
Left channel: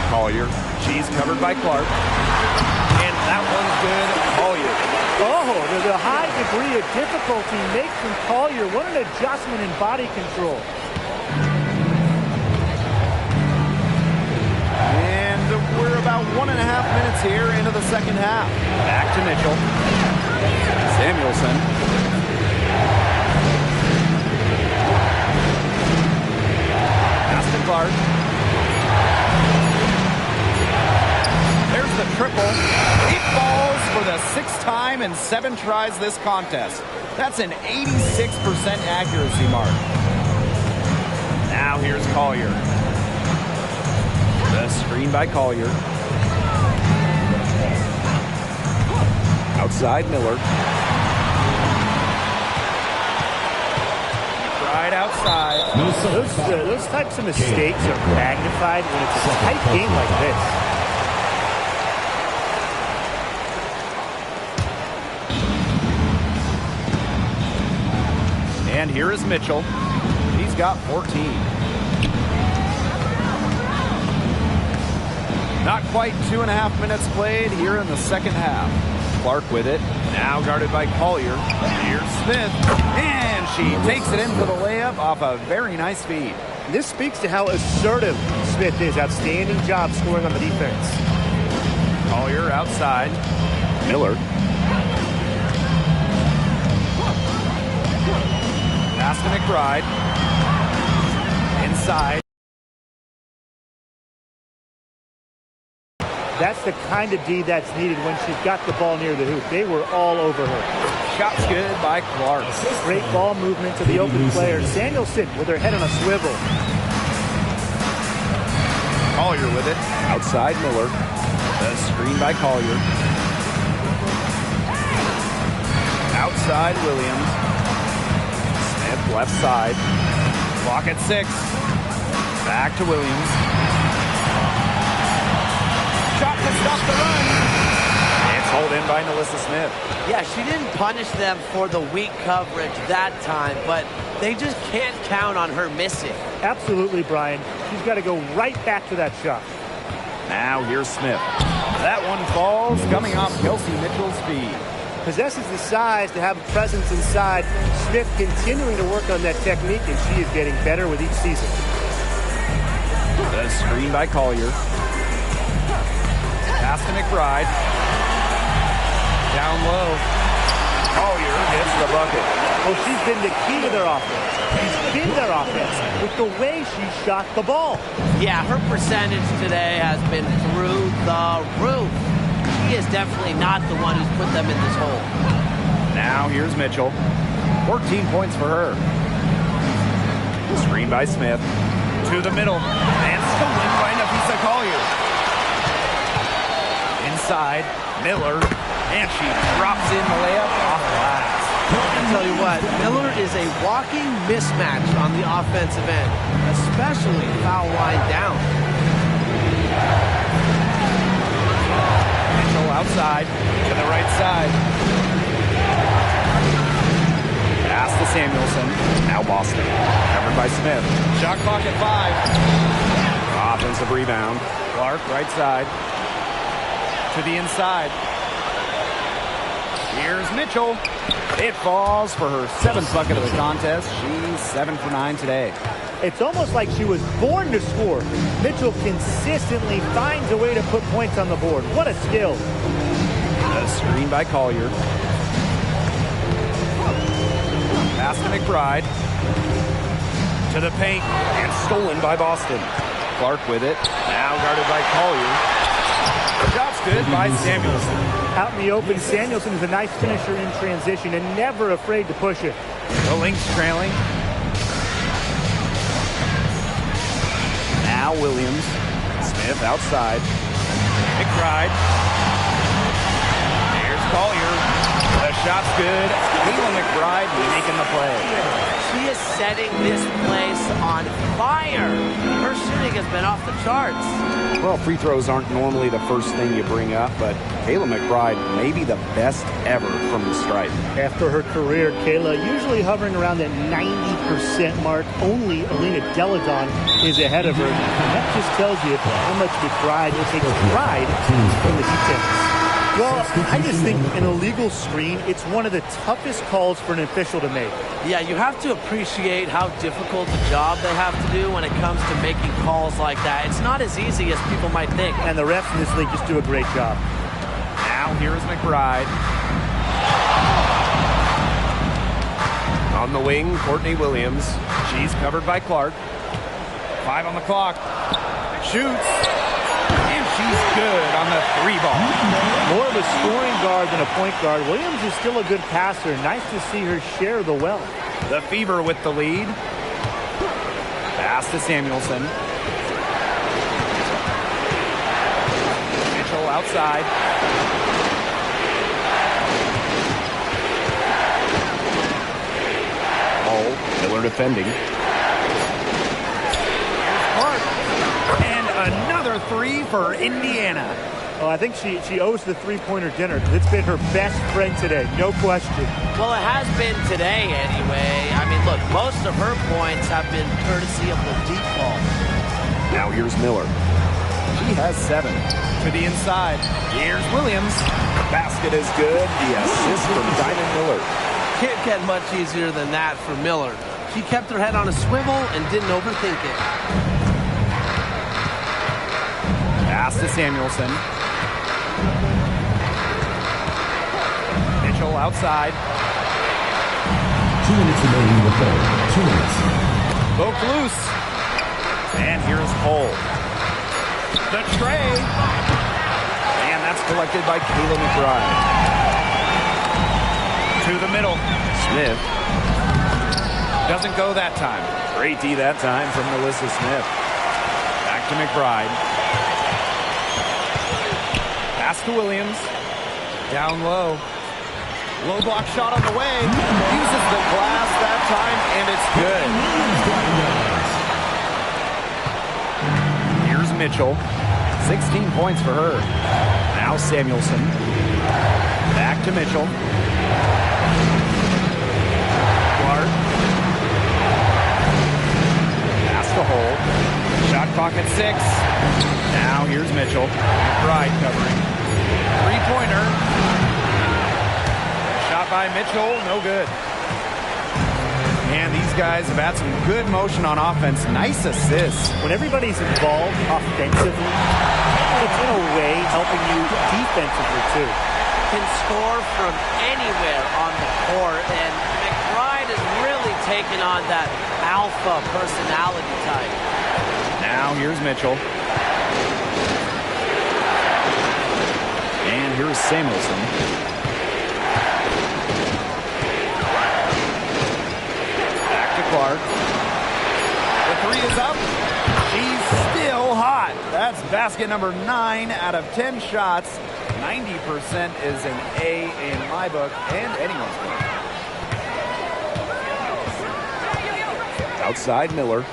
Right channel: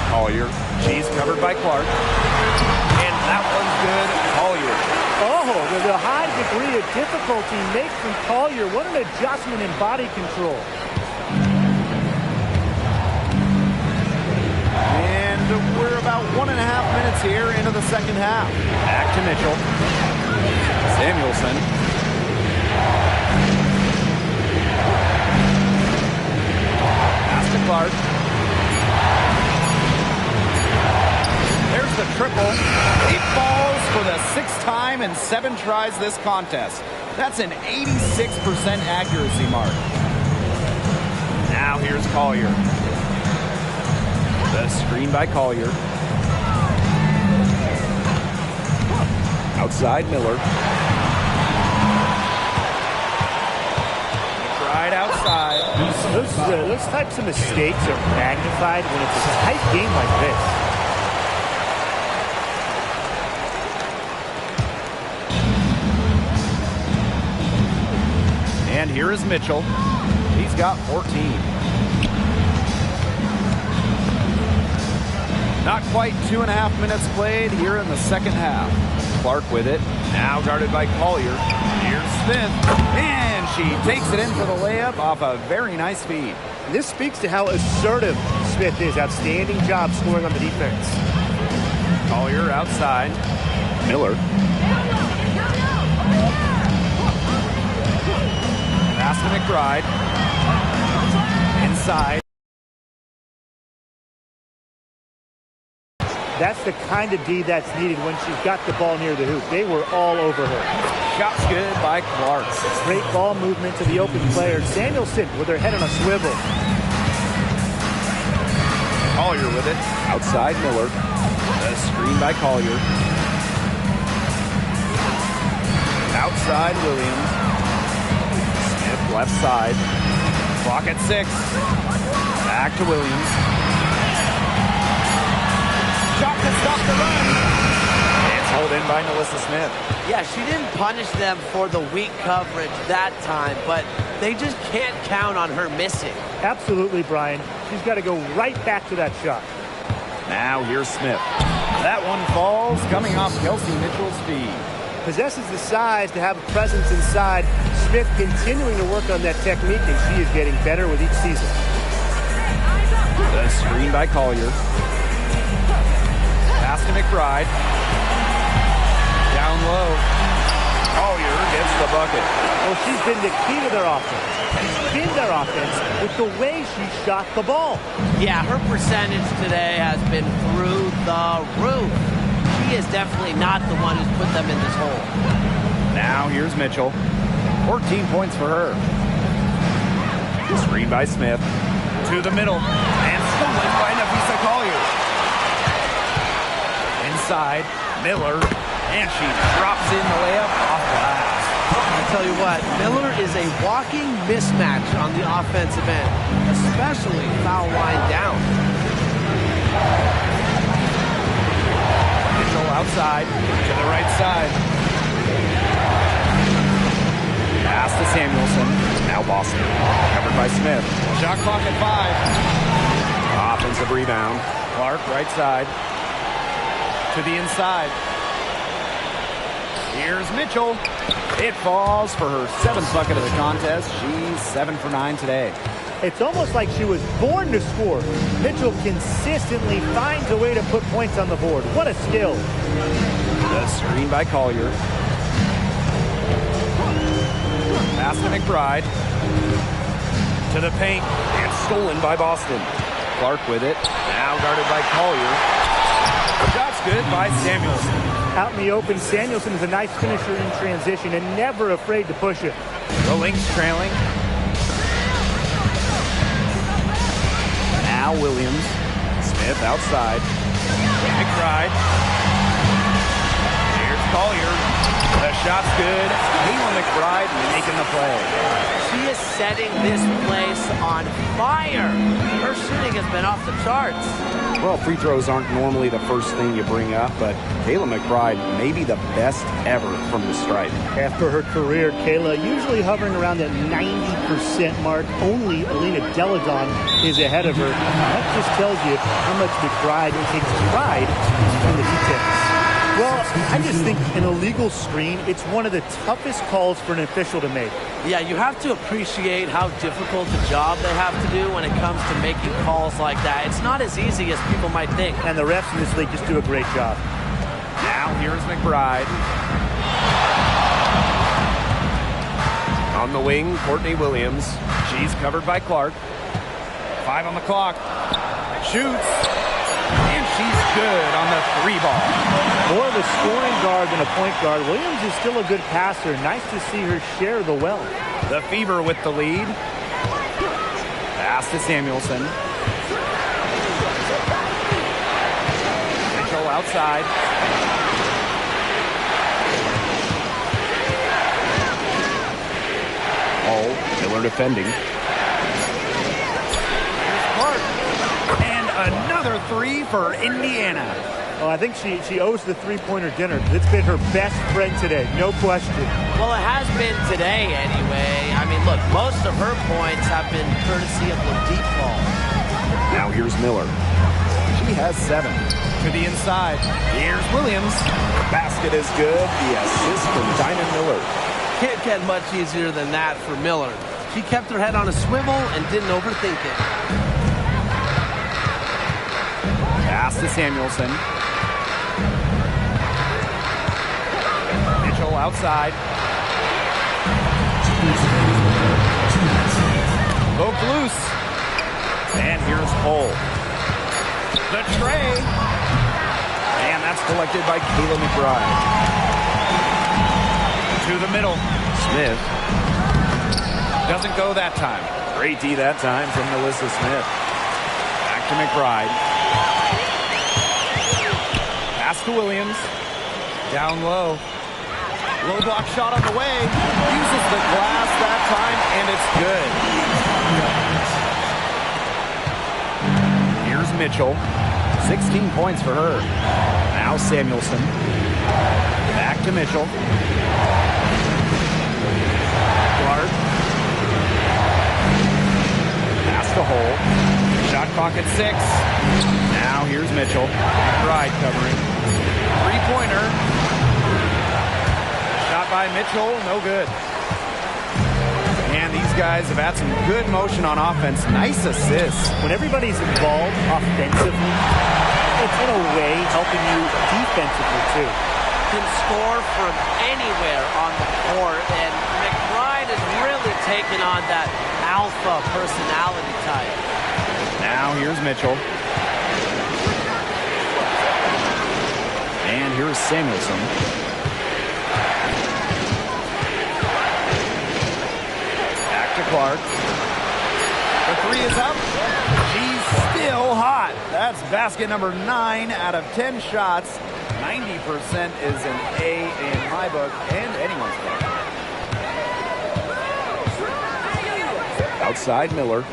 Collier. She's covered by Clark. And that one's good. Collier. Oh, the high degree of difficulty makes from Collier. What an adjustment in body control. And we're about 1.5 minutes here into the second half. Back to Mitchell. Samuelson. Pass to Clark. There's the triple. He falls for the 6th time in 7 tries this contest. That's an 86% accuracy mark. Now here's Collier. The screen by Collier. Outside Miller. McBride right outside. Those types of mistakes are magnified when it's a tight game like this. And here is Mitchell. He's got 14. Not quite 2.5 minutes played here in the second half. Clark with it. Now guarded by Collier. Here's Smith. And she takes it in for the layup off a very nice feed. This speaks to how assertive Smith is. Outstanding job scoring on the defense. Collier outside. Miller. Pass to McBride. Inside. That's the kind of D that's needed when she's got the ball near the hoop. They were all over her. Shot's good by Clark. Great ball movement to the open player. Samuelson with her head on a swivel. Collier with it. Outside Miller. The screen by Collier. Outside Williams. Smith left side. Clock at 6. Back to Williams. Shot to stop the run. It's hauled in by Nalissa Smith. Yeah, she didn't punish them for the weak coverage that time, but they just can't count on her missing. Absolutely, Brian. She's got to go right back to that shot. Now here's Smith. That one falls, coming off Kelsey Mitchell's feed. Possesses the size to have a presence inside. Smith continuing to work on that technique, and she is getting better with each season. The screen by Collier. Pass to McBride. Down low. Collier gets the bucket. Well, she's been the key to their offense. She's been their offense with the way she shot the ball. Yeah, her percentage today has been through the roof. She is definitely not the one who's put them in this hole. Now here's Mitchell. 14 points for her. Screen by Smith. To the middle. And stolen by Nafisa Collier. Inside, Miller. And she drops in the layup off glass. I tell you what, Miller is a walking mismatch on the offensive end, especially foul line down. Mitchell outside to the right side. Pass to Samuelson. Now Boston. Covered by Smith. Shot clock at 5. Offensive rebound. Clark right side. To the inside. Here's Mitchell. It falls for her 7th bucket of the contest. She's 7 for 9 today. It's almost like she was born to score. Mitchell consistently finds a way to put points on the board. What a skill. The screen by Collier. Pass to McBride. To the paint. And stolen by Boston. Clark with it. Now guarded by Collier. Shot's good by Samuelson. Out in the open, Samuelson is a nice finisher in transition and never afraid to push it. The Lynx trailing. Now Williams. Smith outside. McBride. Here's Collier. The shot's good. Kayla McBride making the play. She is setting this place on fire. Her shooting has been off the charts. Well, free throws aren't normally the first thing you bring up, but Kayla McBride may be the best ever from the stripe. After her career, Kayla usually hovering around that 90% mark. Only Alina Deladon is ahead of her. That just tells you how much McBride takes pride in the details. Well, I just think an illegal screen, it's one of the toughest calls for an official to make. Yeah, you have to appreciate how difficult a job they have to do when it comes to making calls like that. It's not as easy as people might think. And the refs in this league just do a great job. Now here's McBride. On the wing, Courtney Williams. She's covered by Clark. 5 on the clock. Shoots. And she's good on the 3 ball. More of a scoring guard than a point guard. Williams is still a good passer. Nice to see her share the wealth. The Fever with the lead. Pass to Samuelson. Mitchell outside. foul. Miller defending. Here's Clark. And another three for Indiana. Oh, I think she owes the three-pointer dinner because it's been her best friend today, no question. Well, it has been today anyway. I mean, look, most of her points have been courtesy of the deep ball. Now here's Miller. She has 7. To the inside. Here's Williams. Basket is good. The assist from Diamond Miller. Can't get much easier than that for Miller. She kept her head on a swivel and didn't overthink it. Pass to Samuelson. Mitchell outside. 2 minutes remaining in the third. 2 minutes. Poked loose. And here's Cole. The tray. And that's collected by Kayla McBride. To the middle. Smith. Doesn't go that time. Great D that time from Melissa Smith. Back to McBride. Pass to Williams. Down low. Low block shot on the way. Uses the glass that time, and it's good. Here's Mitchell. 16 points for her. Now Samuelson. Back to Mitchell. Clark. Pass to Hole. Shot clock at 6. Now here's Mitchell. McBride covering. Three-pointer. Shot by Mitchell, no good. And these guys have had some good motion on offense. Nice assists. When everybody's involved offensively, it's in a way helping you defensively too. Can score from anywhere on the court, and McBride has really taken on that alpha personality type. Now here's Mitchell. And here's Samuelson. Back to Clark. The three is up. She's still hot. That's basket number 9 out of 10 shots. 90% is an A in my book and anyone's book. Outside Miller.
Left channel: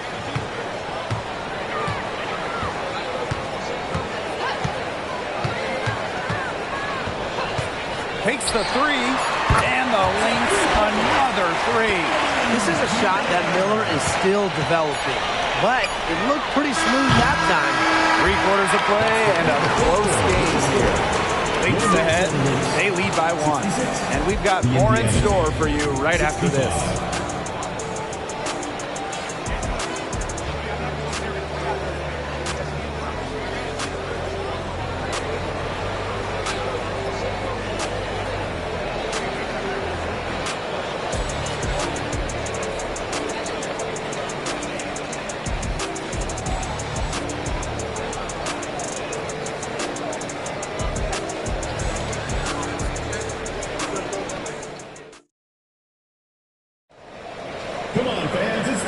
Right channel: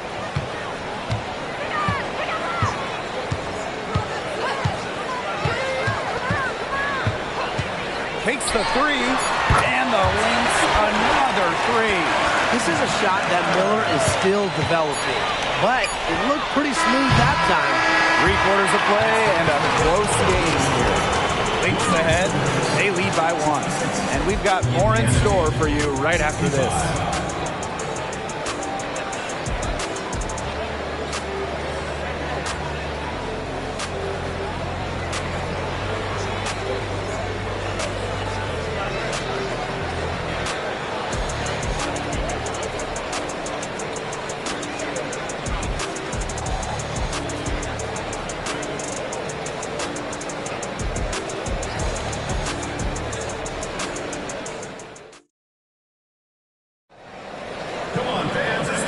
Takes the three, and the Lynx another three. This is a shot that Miller is still developing, but it looked pretty smooth that time. 3/4 of play and a close game here. Lynx ahead. They lead by 1. And we've got more in store for you right after this.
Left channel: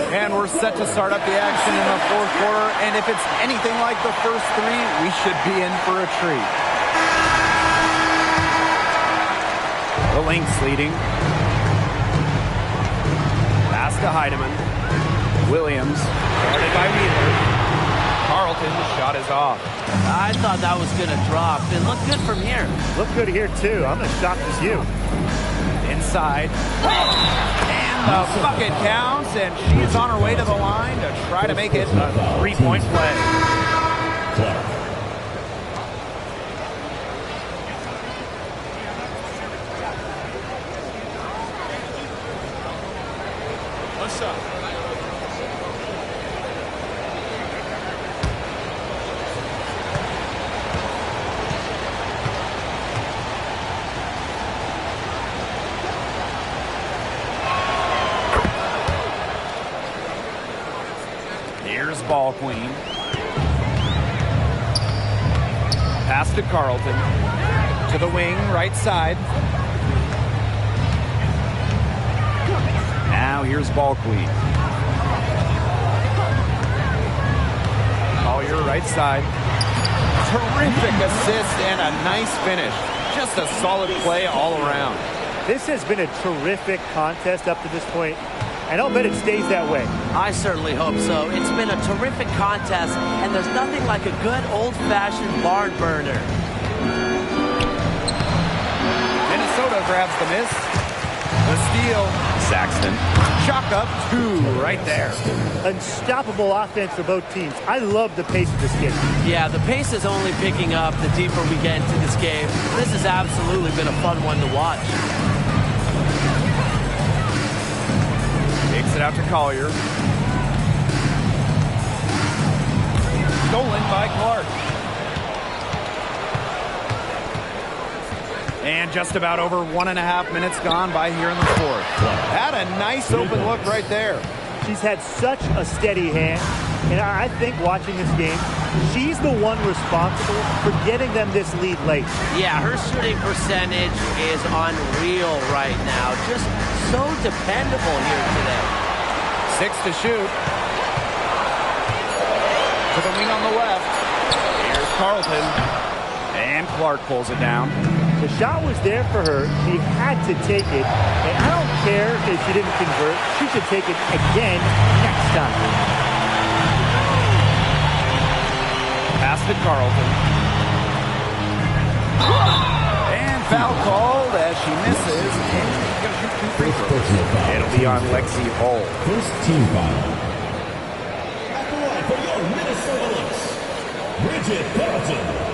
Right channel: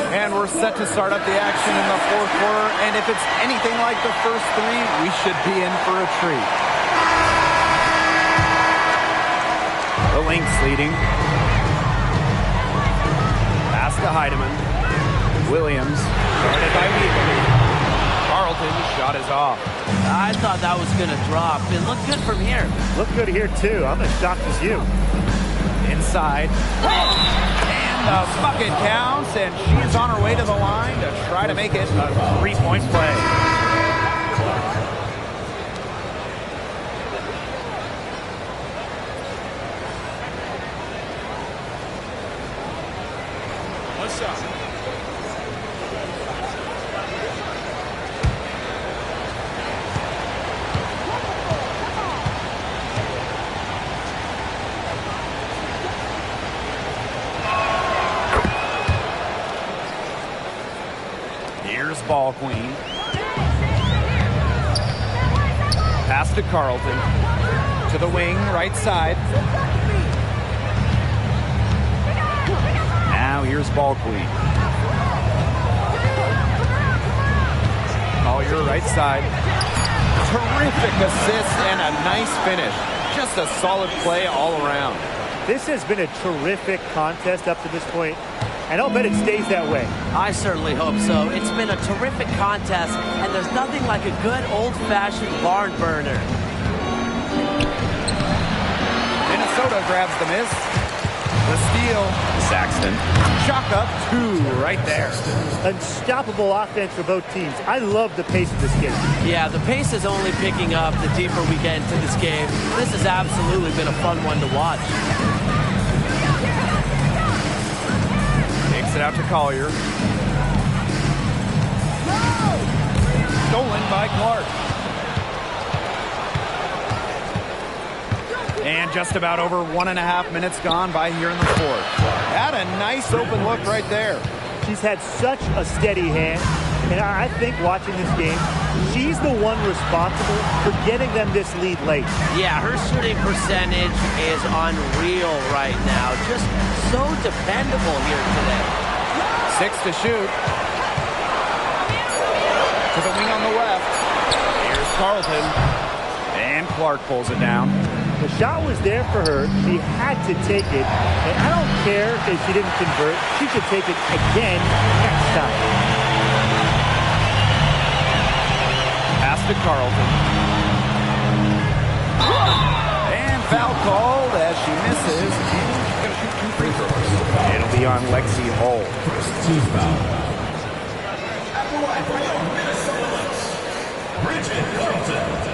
And we're set to start up the action in the 4th quarter. And if it's anything like the first 3, we should be in for a treat. The Lynx leading. Pass to Heidemann. Williams, guarded by Wheeler. Carlton's shot is off. I thought that was going to drop. It looked good from here. Look good here too. I'm as shocked as you. Inside. And the bucket counts, and she's on her way to the line to try to make it a 3-point play. One shot. Here's Ball Queen. Pass to Carlton. To the wing, right side. Now here's Ball Queen. Collier, right side. Terrific assist and a nice finish. Just a solid play all around. This has been a terrific contest up to this point. and I'll bet it stays that way. I certainly hope so. It's been a terrific contest, and there's nothing like a good old-fashioned barn burner. Minnesota grabs the miss. The steal. Saxton. Chalk up 2 right there. Unstoppable offense for both teams. I love the pace of this game. Yeah, the pace is only picking up the deeper we get into this game. This has absolutely been a fun one to watch. Takes it out to Collier. Stolen by Clark. And just about over 1.5 minutes gone by here in the fourth. Had a nice open look right there. She's had such a steady hand, and I think watching this game, she's the one responsible for getting them this lead late. Yeah, her shooting percentage is unreal right now. Just so dependable here today. 6 to shoot. To the wing on the left. Here's Carlton. And Clark pulls it down. The shot was there for her. She had to take it. And I don't care if she didn't convert. She should take it again next time. Pass to Carlton. And foul called as she misses. And she's going to shoot 2 free throws. It'll be on Lexi Hull. First team foul. At the line for your Minnesota Lynx, Bridget Carlton.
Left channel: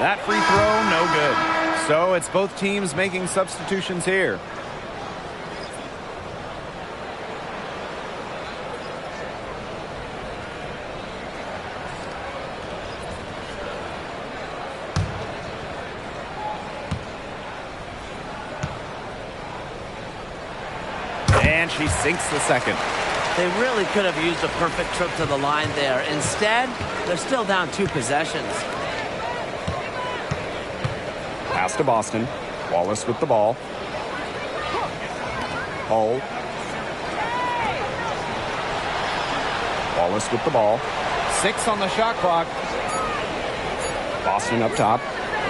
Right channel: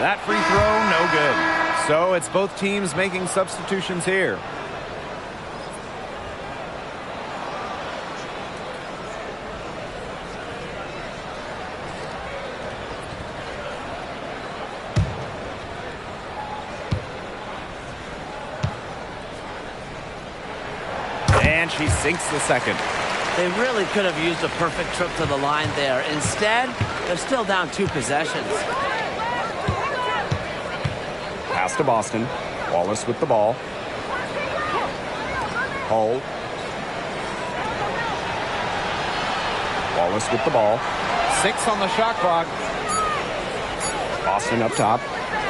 That free throw, no good. So it's both teams making substitutions here. And she sinks the second. They really could have used a perfect trip to the line there. Instead, they're still down 2 possessions. Pass to Boston. Wallace with the ball. Hull. Wallace with the ball. 6 on the shot clock. Boston up top.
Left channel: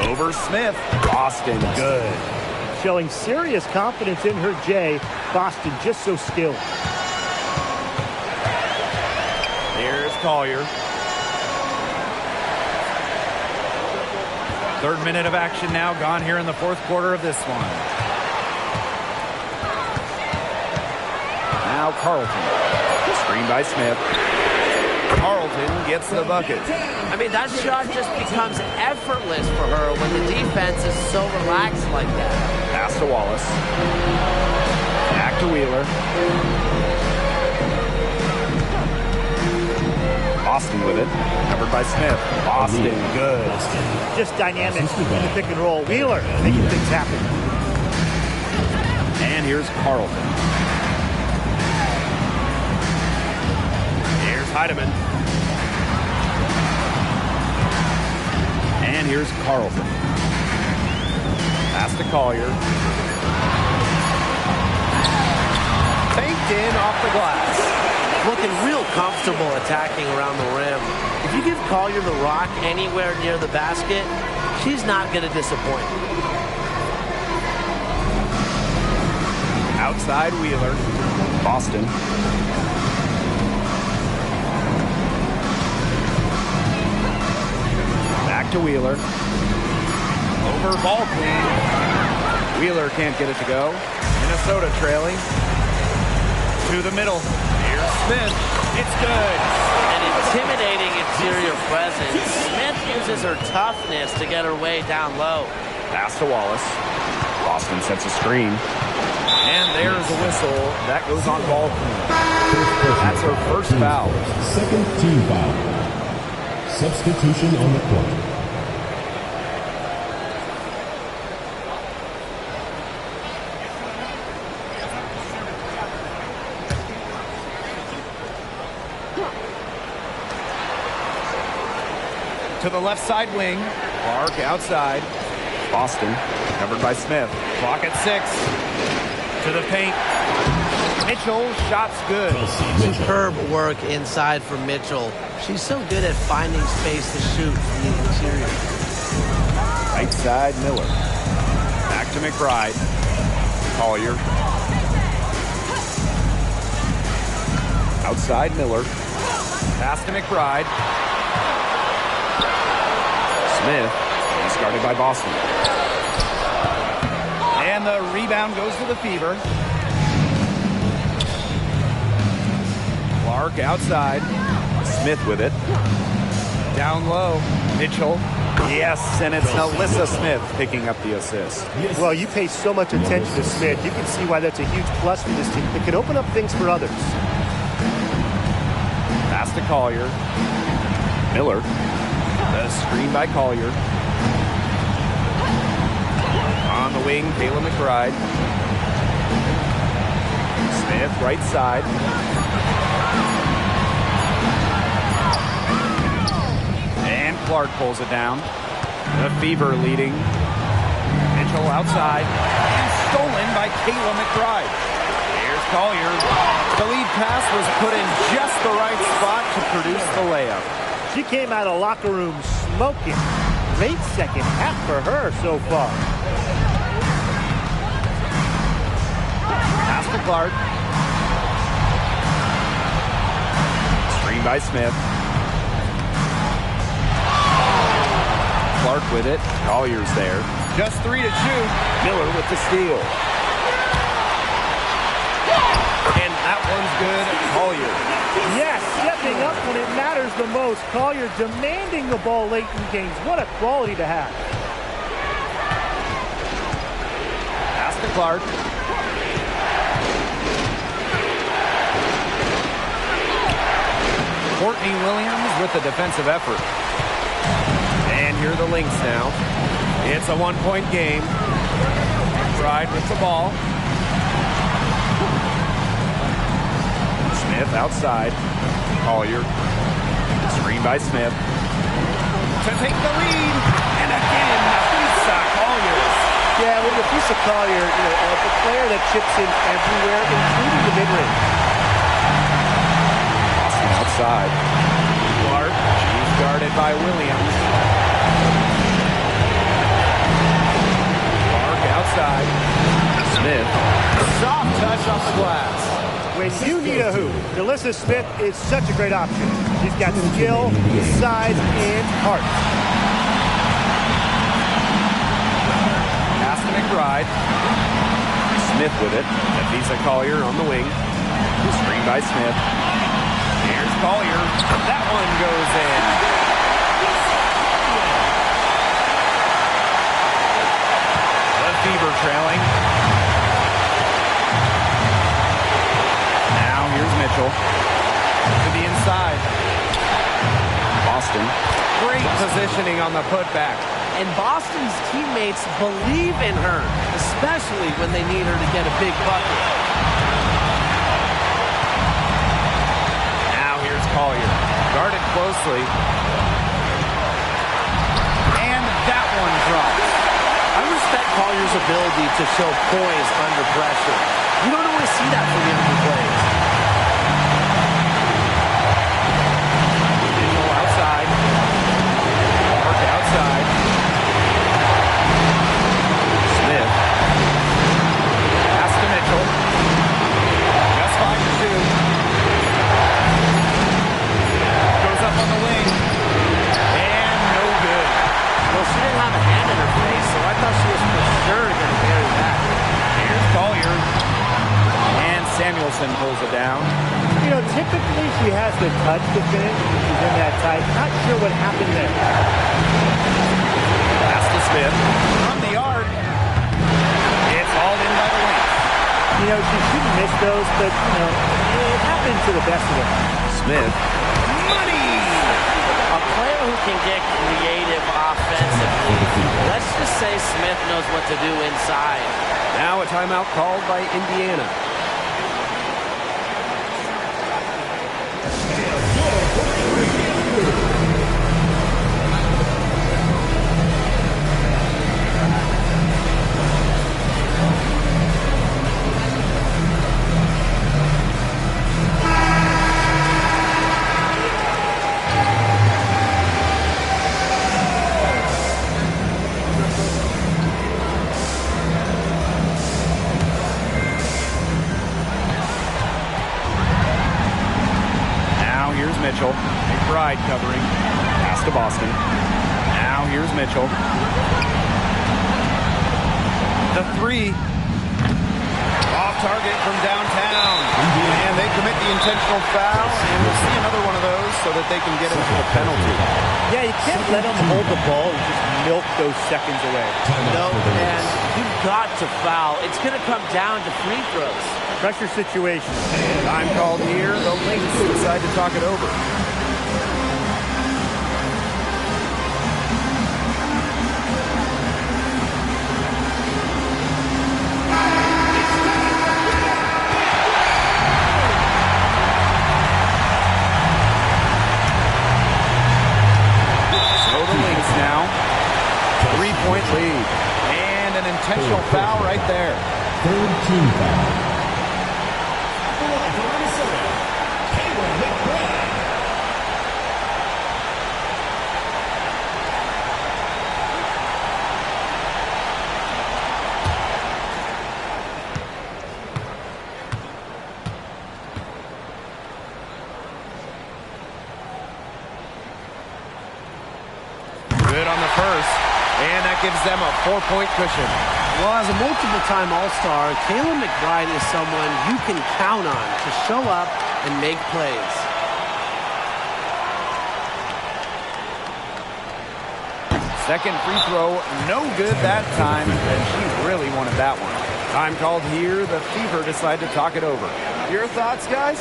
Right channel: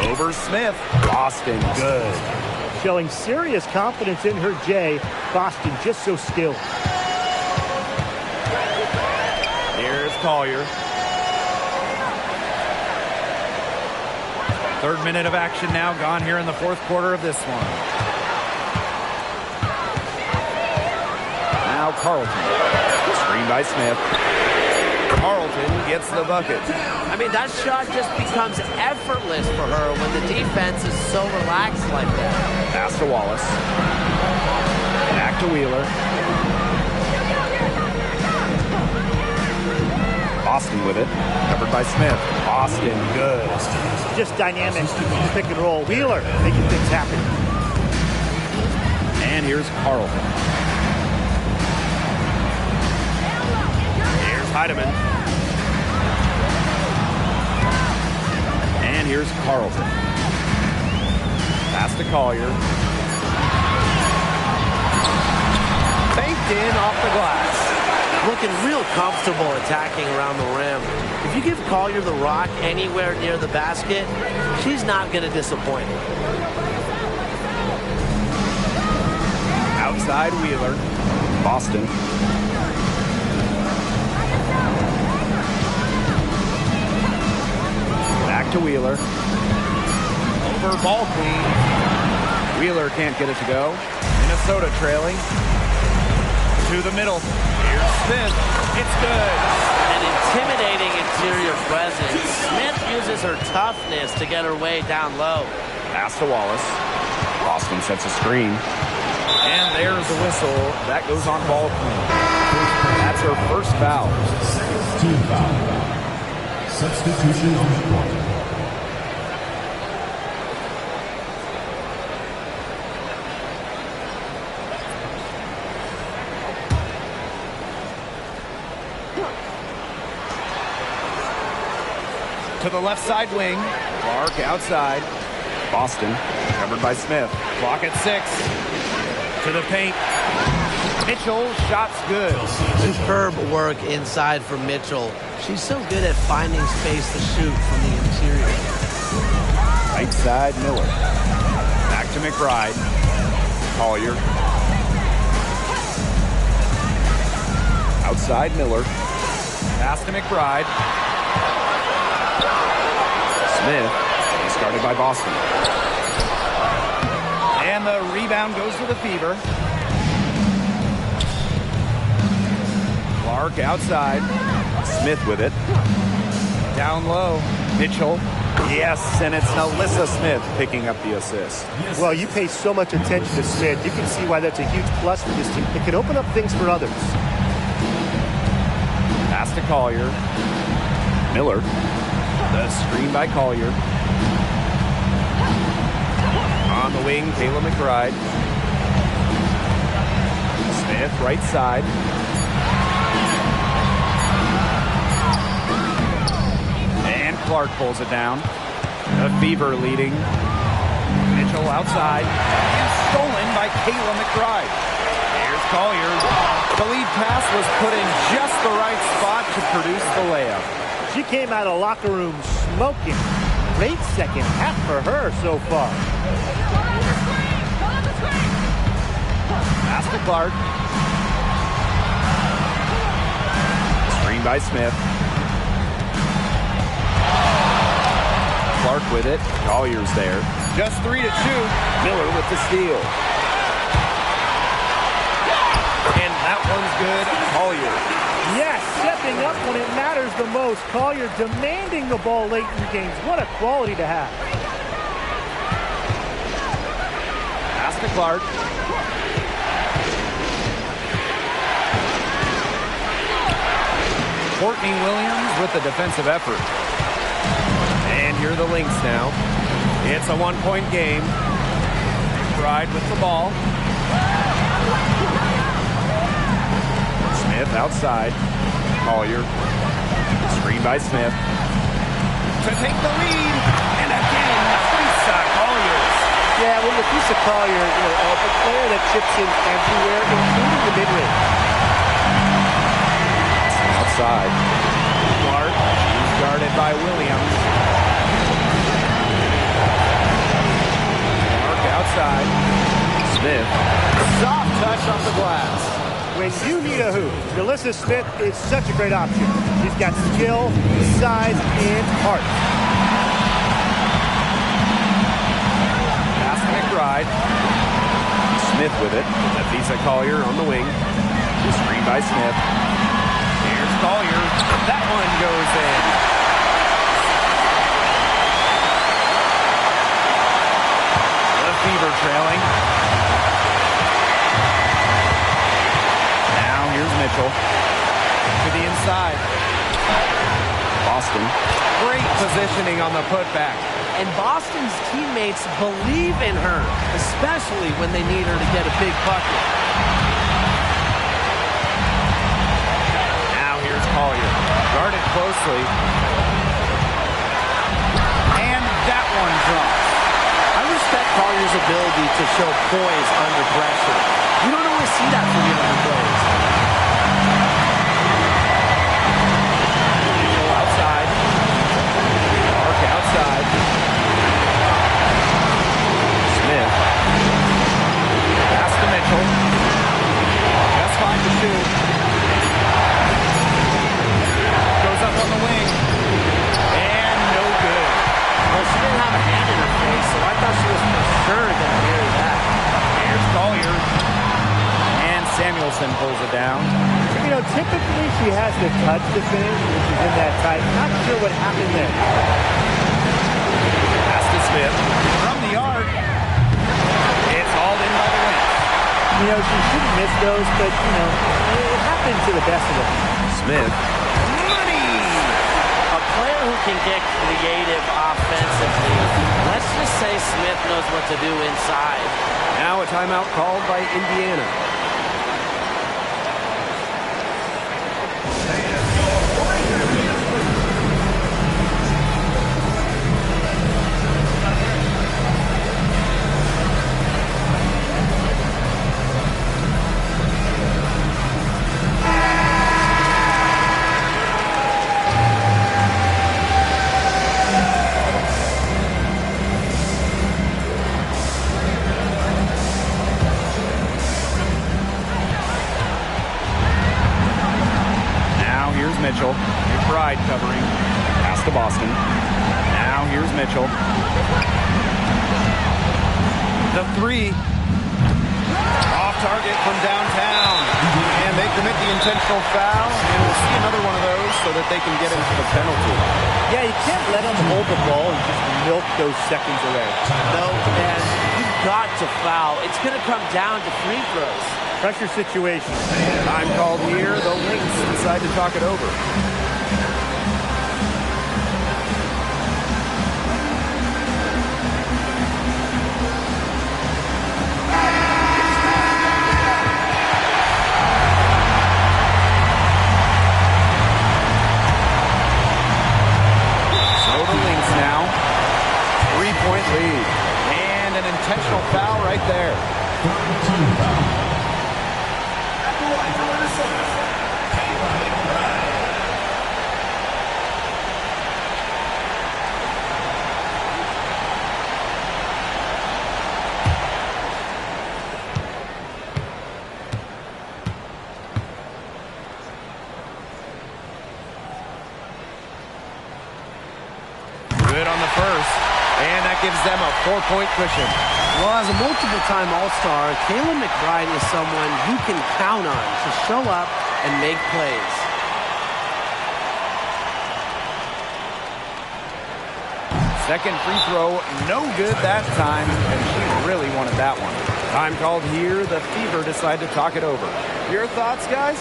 Over Smith. Boston, good. Showing serious confidence in her J. Boston just so skilled. Here's Collier. 3rd minute of action now gone here in the 4th quarter of this one. Now Carlton. Screen by Smith. Carlton gets the bucket. I mean, that shot just becomes effortless for her when the defense is so relaxed like that. Pass to Wallace. Back to Wheeler. Boston with it. Covered by Smith. Boston, good. Just dynamic in the pick and roll. Wheeler making things happen. And here's Carlton. Here's Heidemann. And here's Carlton. Pass to Collier. Banked in off the glass. Looking real comfortable attacking around the rim. If you give Collier the rock anywhere near the basket, she's not going to disappoint. Outside Wheeler. Boston. Back to Wheeler. Over ball clean. Wheeler can't get it to go. Minnesota trailing. To the middle. Here's Smith. It's good. An intimidating interior presence. Smith uses her toughness to get her way down low. Pass to Wallace. Boston sets a screen. And there's a whistle. That goes on ball clean. That's her first foul. Second team foul. Substitution on the court. To the left side wing. Clark outside. Boston, covered by Smith. Clock at 6. To the paint. Mitchell, shot's good. Superb work inside from Mitchell. She's so good at finding space to shoot from the interior. Right side, Miller. Back to McBride. Collier. Outside, Miller. Pass to McBride. Smith. He's guarded by Boston. And the rebound goes to the Fever. Clark outside. Smith with it. Down low. Mitchell. Yes, and it's Alyssa Smith picking up the assist. Well, you pay so much attention to Smith. You can see why that's a huge plus for this team. It can open up things for others. Pass to Collier. Miller. The screen by Collier. On the wing, Kayla McBride. Smith, right side. And Clark pulls it down. The Fever leading. Mitchell outside. And stolen by Kayla McBride. Here's Collier. The lead pass was put in just the right spot to produce the layup. She came out of locker room smoking. Great second half for her so far. Pass to Clark. Screen by Smith. Clark with it. Collier's there. Just 3 to shoot. Miller with the steal. And that one's good. Collier. Yes, stepping up when it matters the most. Collier demanding the ball late in games. What a quality to have. Pass to Clark. Courtney Williams with the defensive effort. And here are the Lynx now. It's a one-point game. McBride with the ball. Smith outside. Collier. Screen by Smith. To take the lead. And again, Lisa Collier. Yeah, well, with Lisa Collier, a player that chips in everywhere, including the mid-range. Boston outside. Clark. She's guarded by Williams. Clark outside. Smith. Soft touch off the glass. When you need a hoop, Alyssa Smith is such a great option. She's got skill, size, and heart. Pass to McBride. Smith with it. Lisa Collier on the wing. Screen by Smith. Here's Collier. That one goes in. The Fever trailing. Now here's Mitchell. To the inside. Boston. Great positioning on the putback. And Boston's teammates believe in her, especially when they need her to get a big bucket. Now here's Collier. Guarded closely. And that one drops. I respect Collier's ability to show poise under pressure. You don't always see that from younger players. Mitchell outside. Clark outside. Smith. Pass to Mitchell. Just fine to shoot. Goes up on the wing. And no good. Well, she didn't have a hand in her face, so I thought she was for sure going to bury that. Here's Collier. And Samuelson pulls it down. Typically she has the touch to finish when she's in that tight. Not sure what happened there. Pass to Smith. From the arc. It's hauled in by the Lynx. She shouldn't miss those, but, it happens to the best of them. Smith. Money! A player who can get creative offensively. Let's just say Smith knows what to do inside. Now a timeout called by Indiana. here's Mitchell. McBride covering. Pass to Boston. Now here's Mitchell. The three. Off target from downtown. And they commit the intentional foul, and we'll see another one of those so that they can get into the penalty. Yeah, you can't let them hold the ball and just milk those seconds away. No, and you've got to foul. It's going to come down to free throws. Pressure situation. Time called here. The Lynx decide to talk it over. Now, 3-point lead. And an intentional foul right there. Third team foul. At the line for Minnesota, McBride. Good on the first, and that gives them a 4-point cushion. Well, as a multiple-time All-Star, Caleb McBride is someone you can count on to show up and make plays. Second free throw, no good that time, and she really wanted that one. Time called here. The Fever decide to talk it over. Your thoughts, guys?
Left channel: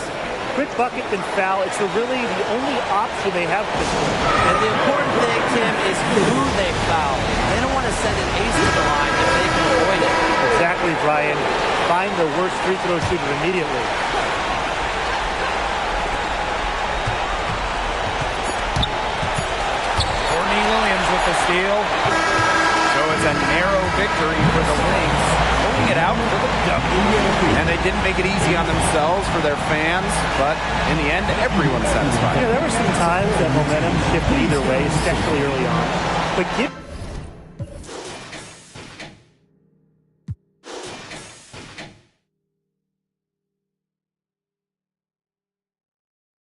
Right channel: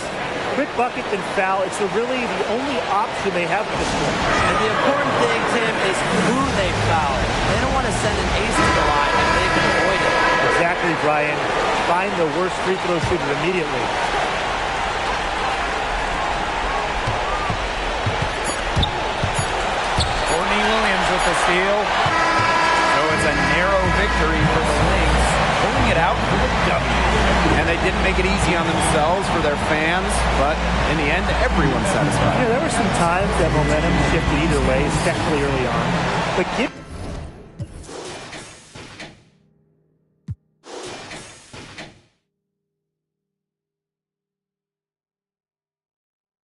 Quick bucket and foul. It's really the only option they have at this point. And the important thing, Tim, is who they foul. They don't want to send an ace to the line if they can avoid it. Exactly, Brian. Find the worst free throw shooter immediately. Courtney Williams with the steal. So it's a narrow victory for the Lynx, pulling it out for the W. And they didn't make it easy on themselves for their fans, but in the end, everyone's satisfied. Yeah, there were some times that momentum shifted either way, especially early on. But